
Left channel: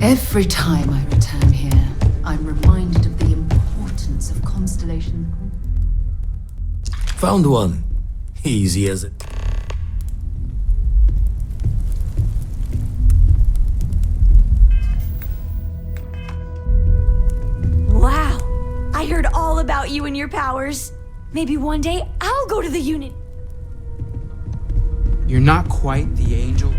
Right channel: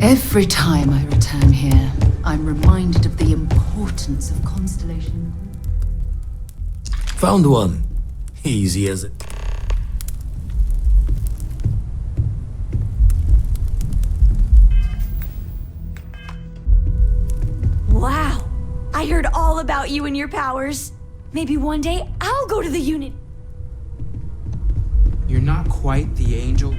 Every time I return here, I'm reminded of the importance of constellation. Found one. Easy as it. Wow. I heard all about you and your powers. Maybe one day I'll go to the unit. You're not quite the angel.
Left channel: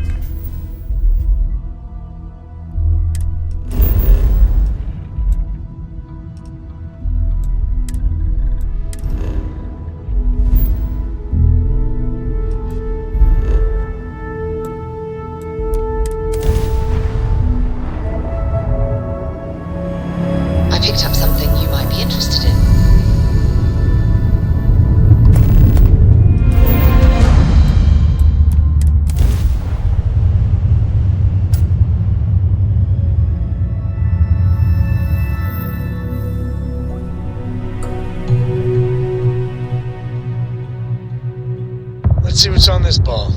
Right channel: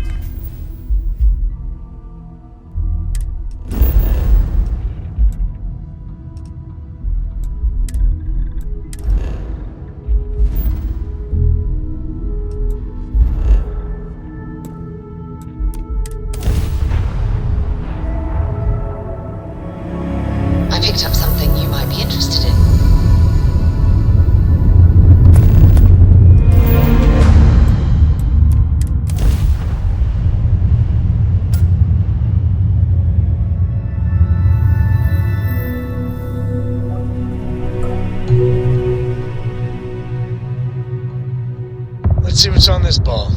I picked up something you might be interested in. Let's see what's on this ball.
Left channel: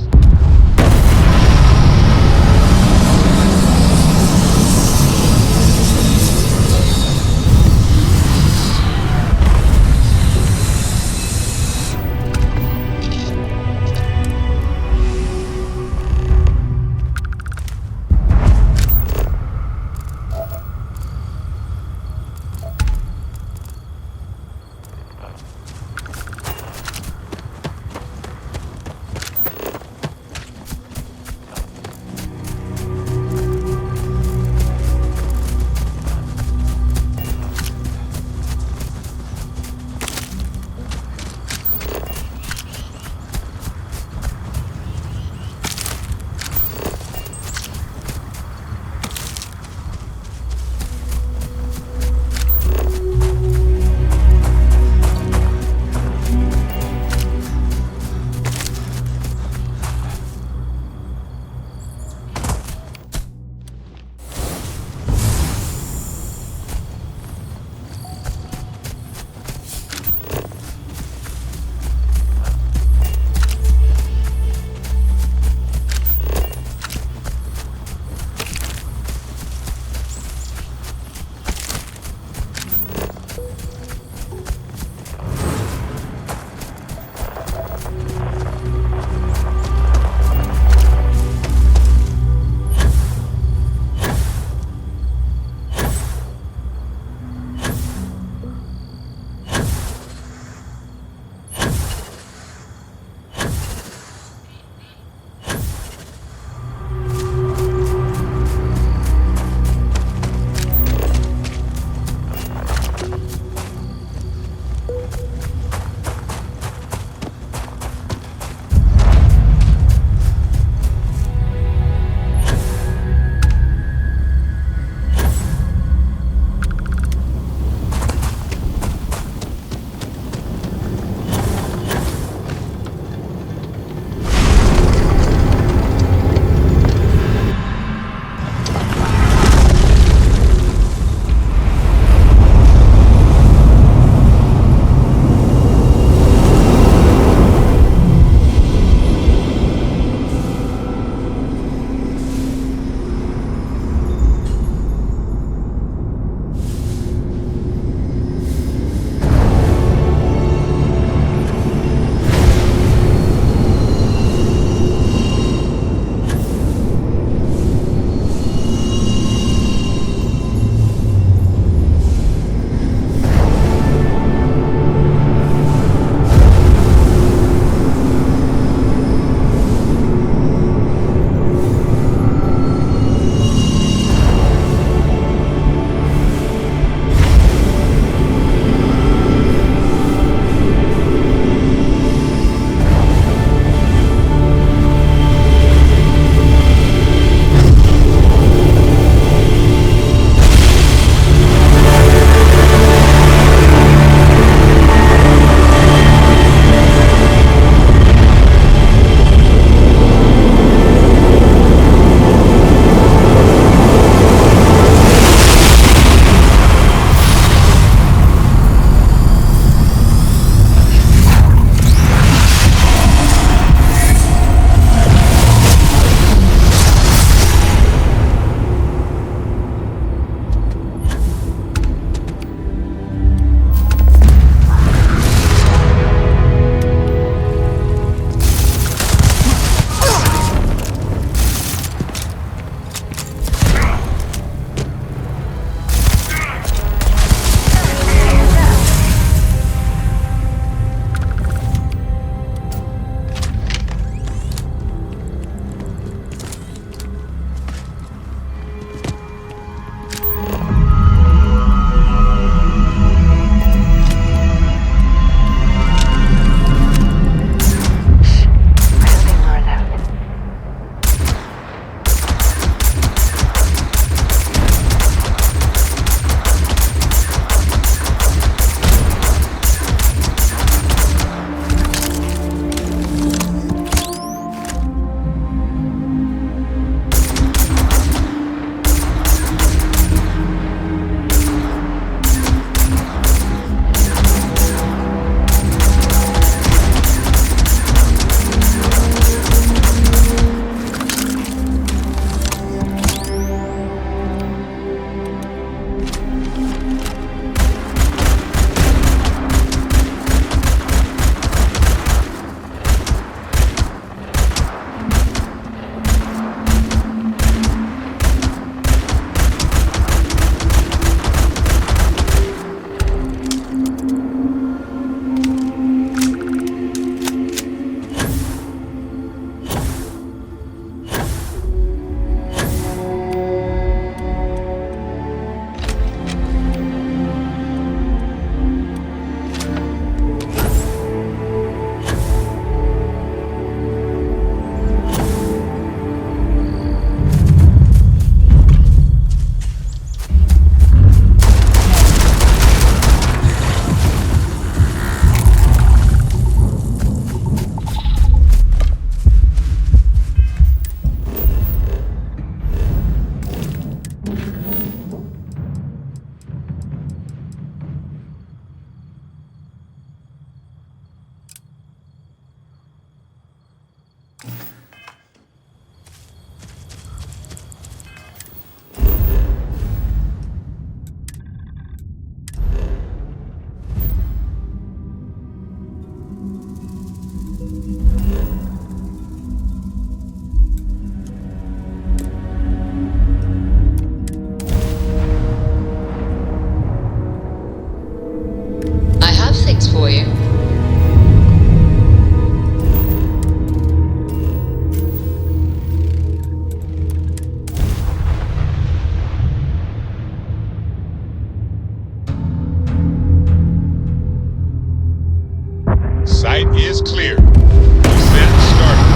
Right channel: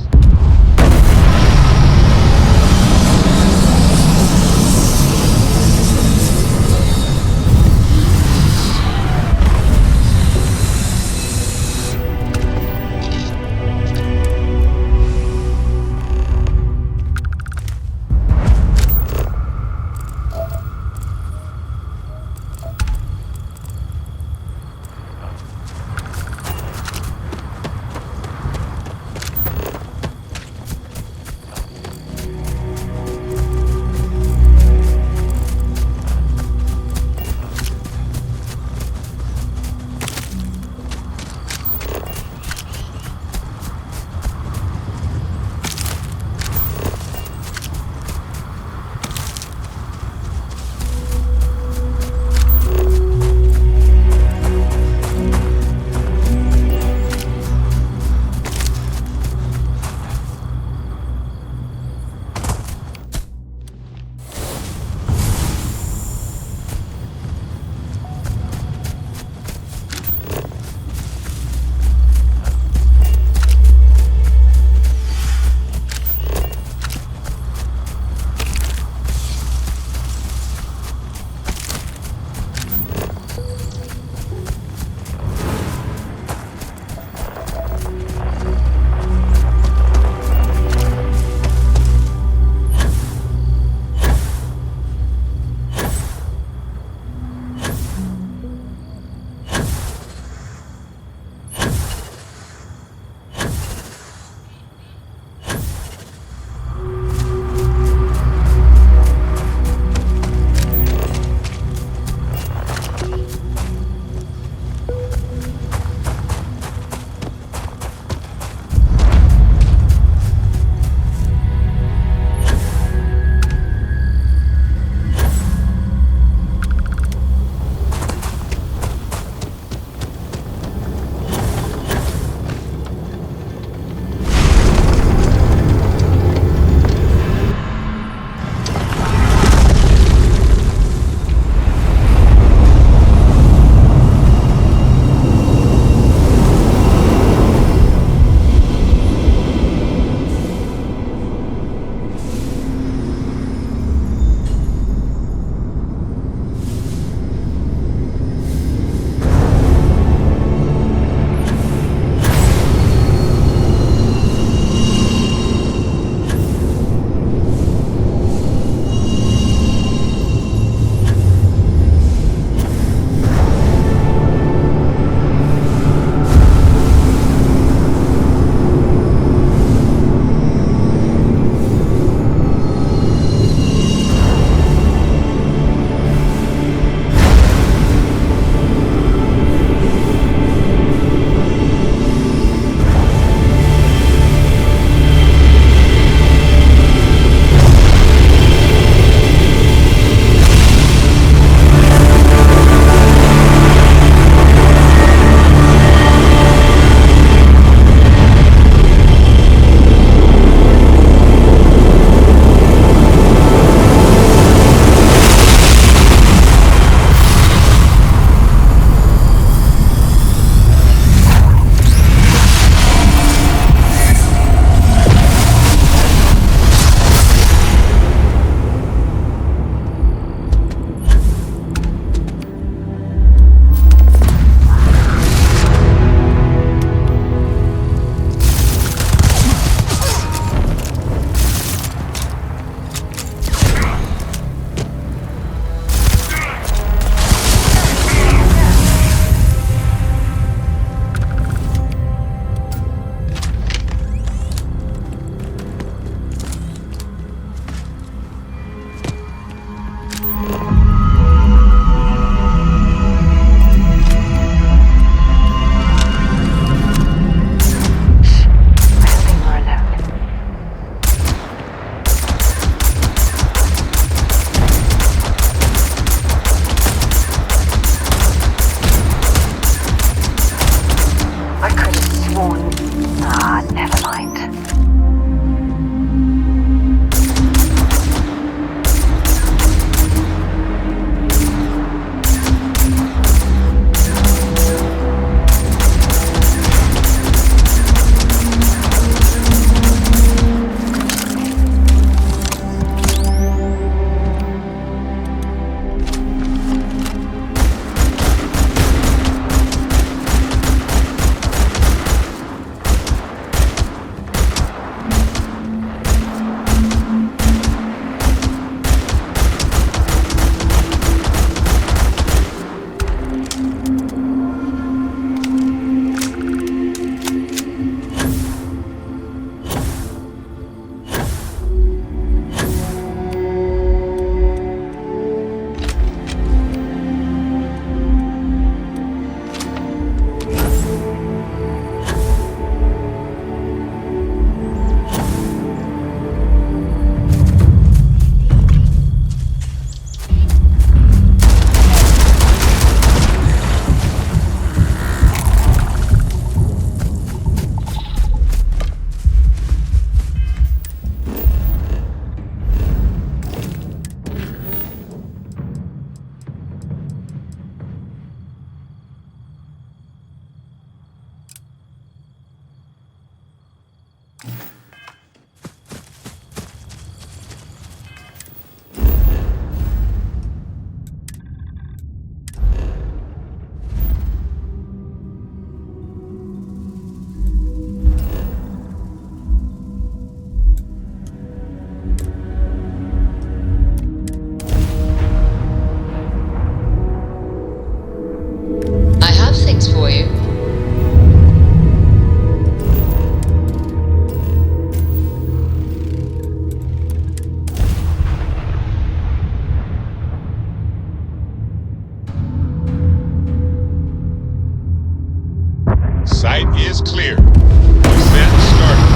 Flight is clear. Descent started.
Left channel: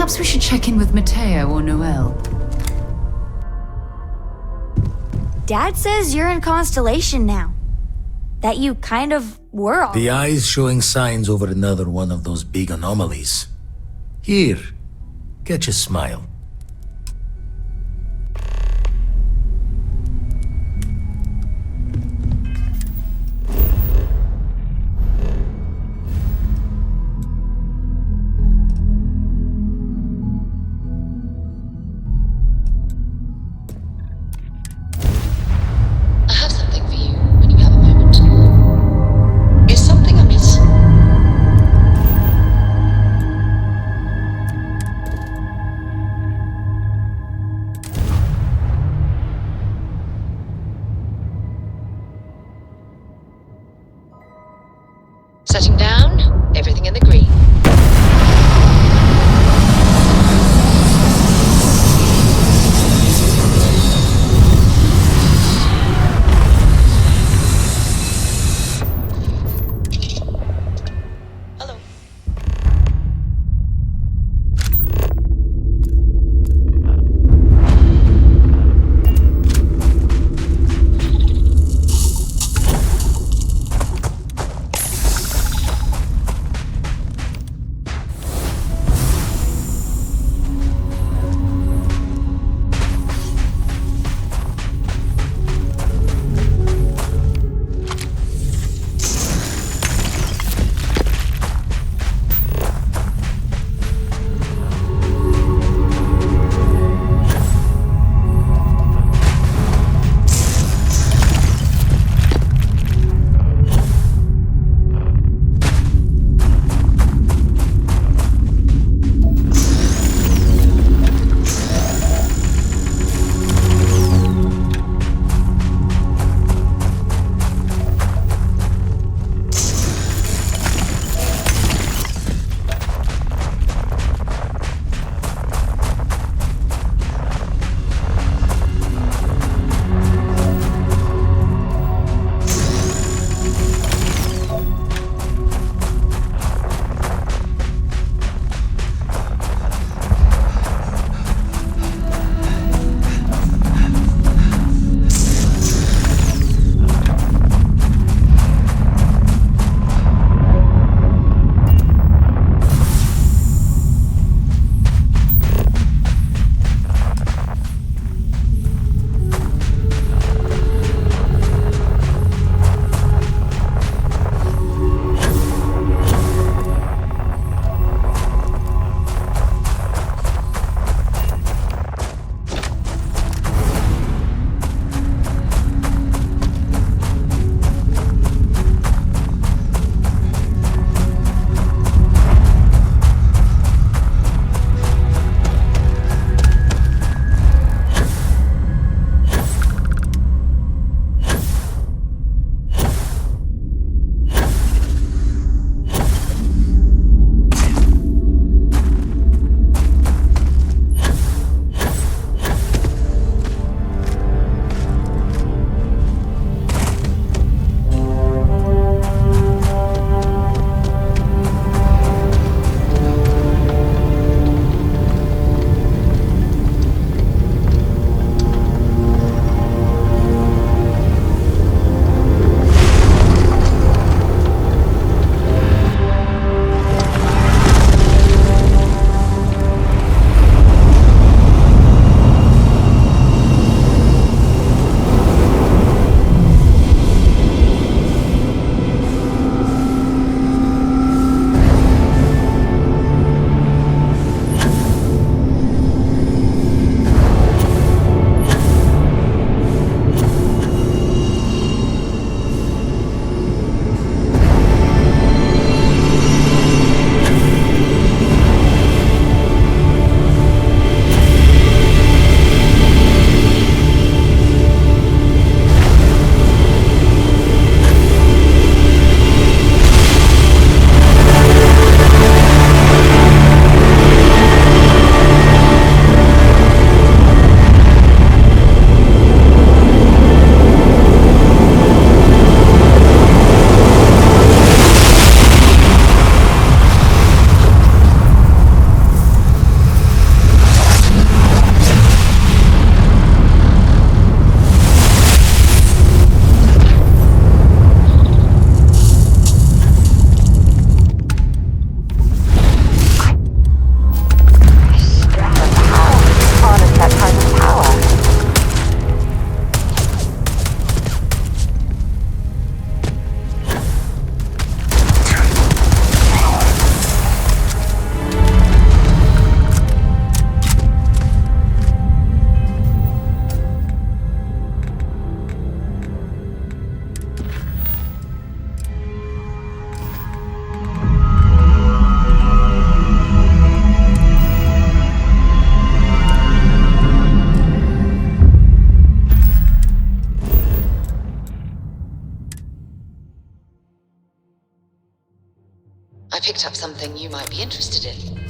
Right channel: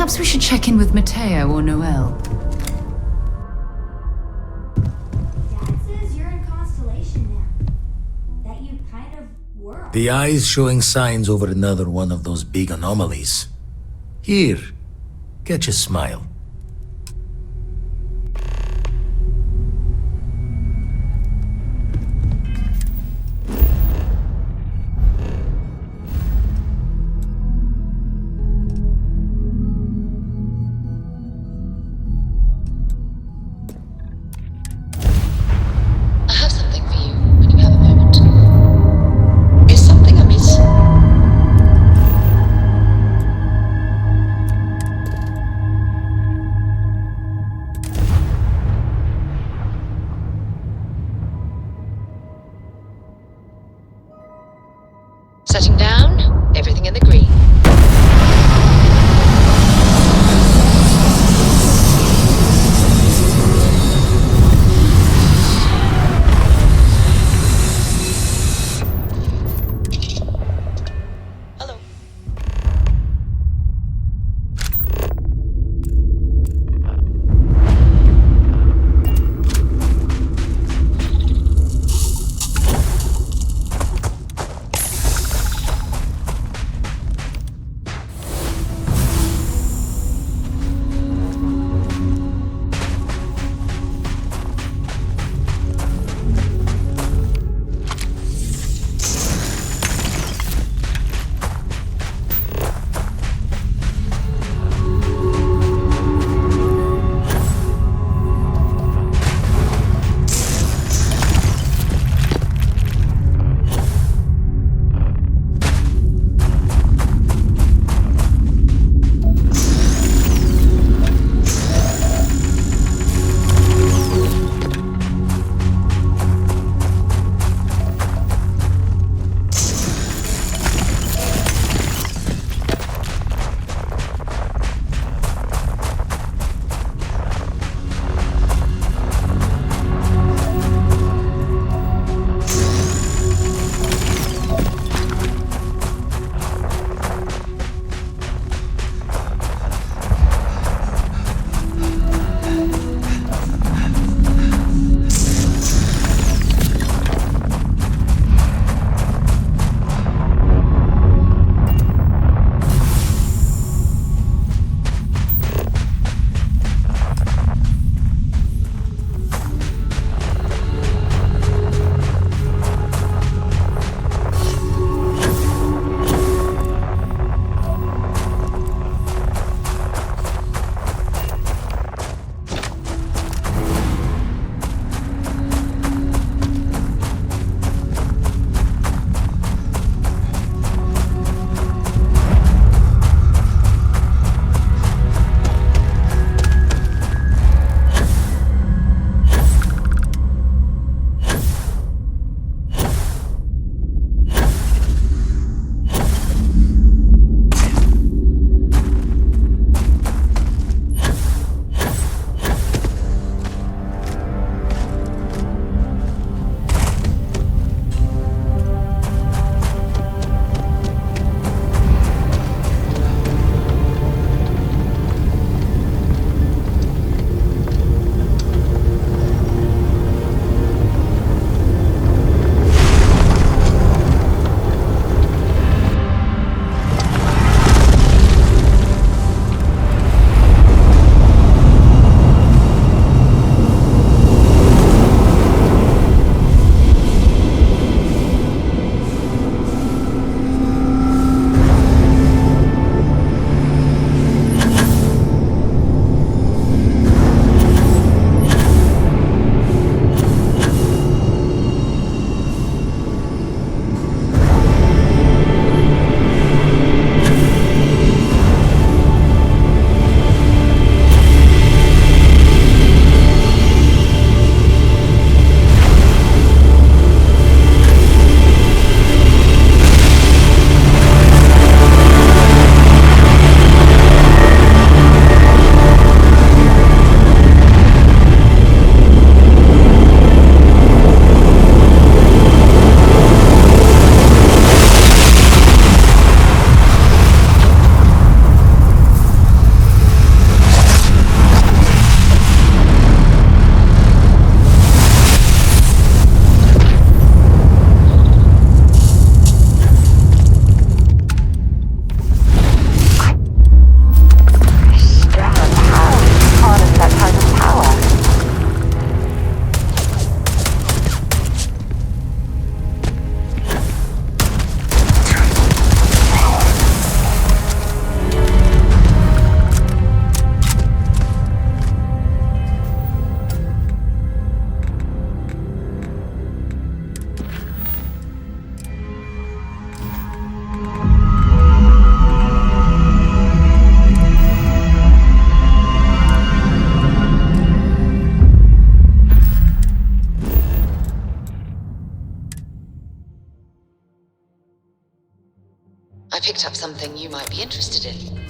Perhaps we should check in with Mateo or Noel. Dad says you're in Constellation now. That you kind of were all. The eye's showing signs over another one of those big anomalies. Here, catch a smile. I have something for you when you have a moment. Is something amiss? picked up something you might be interested in.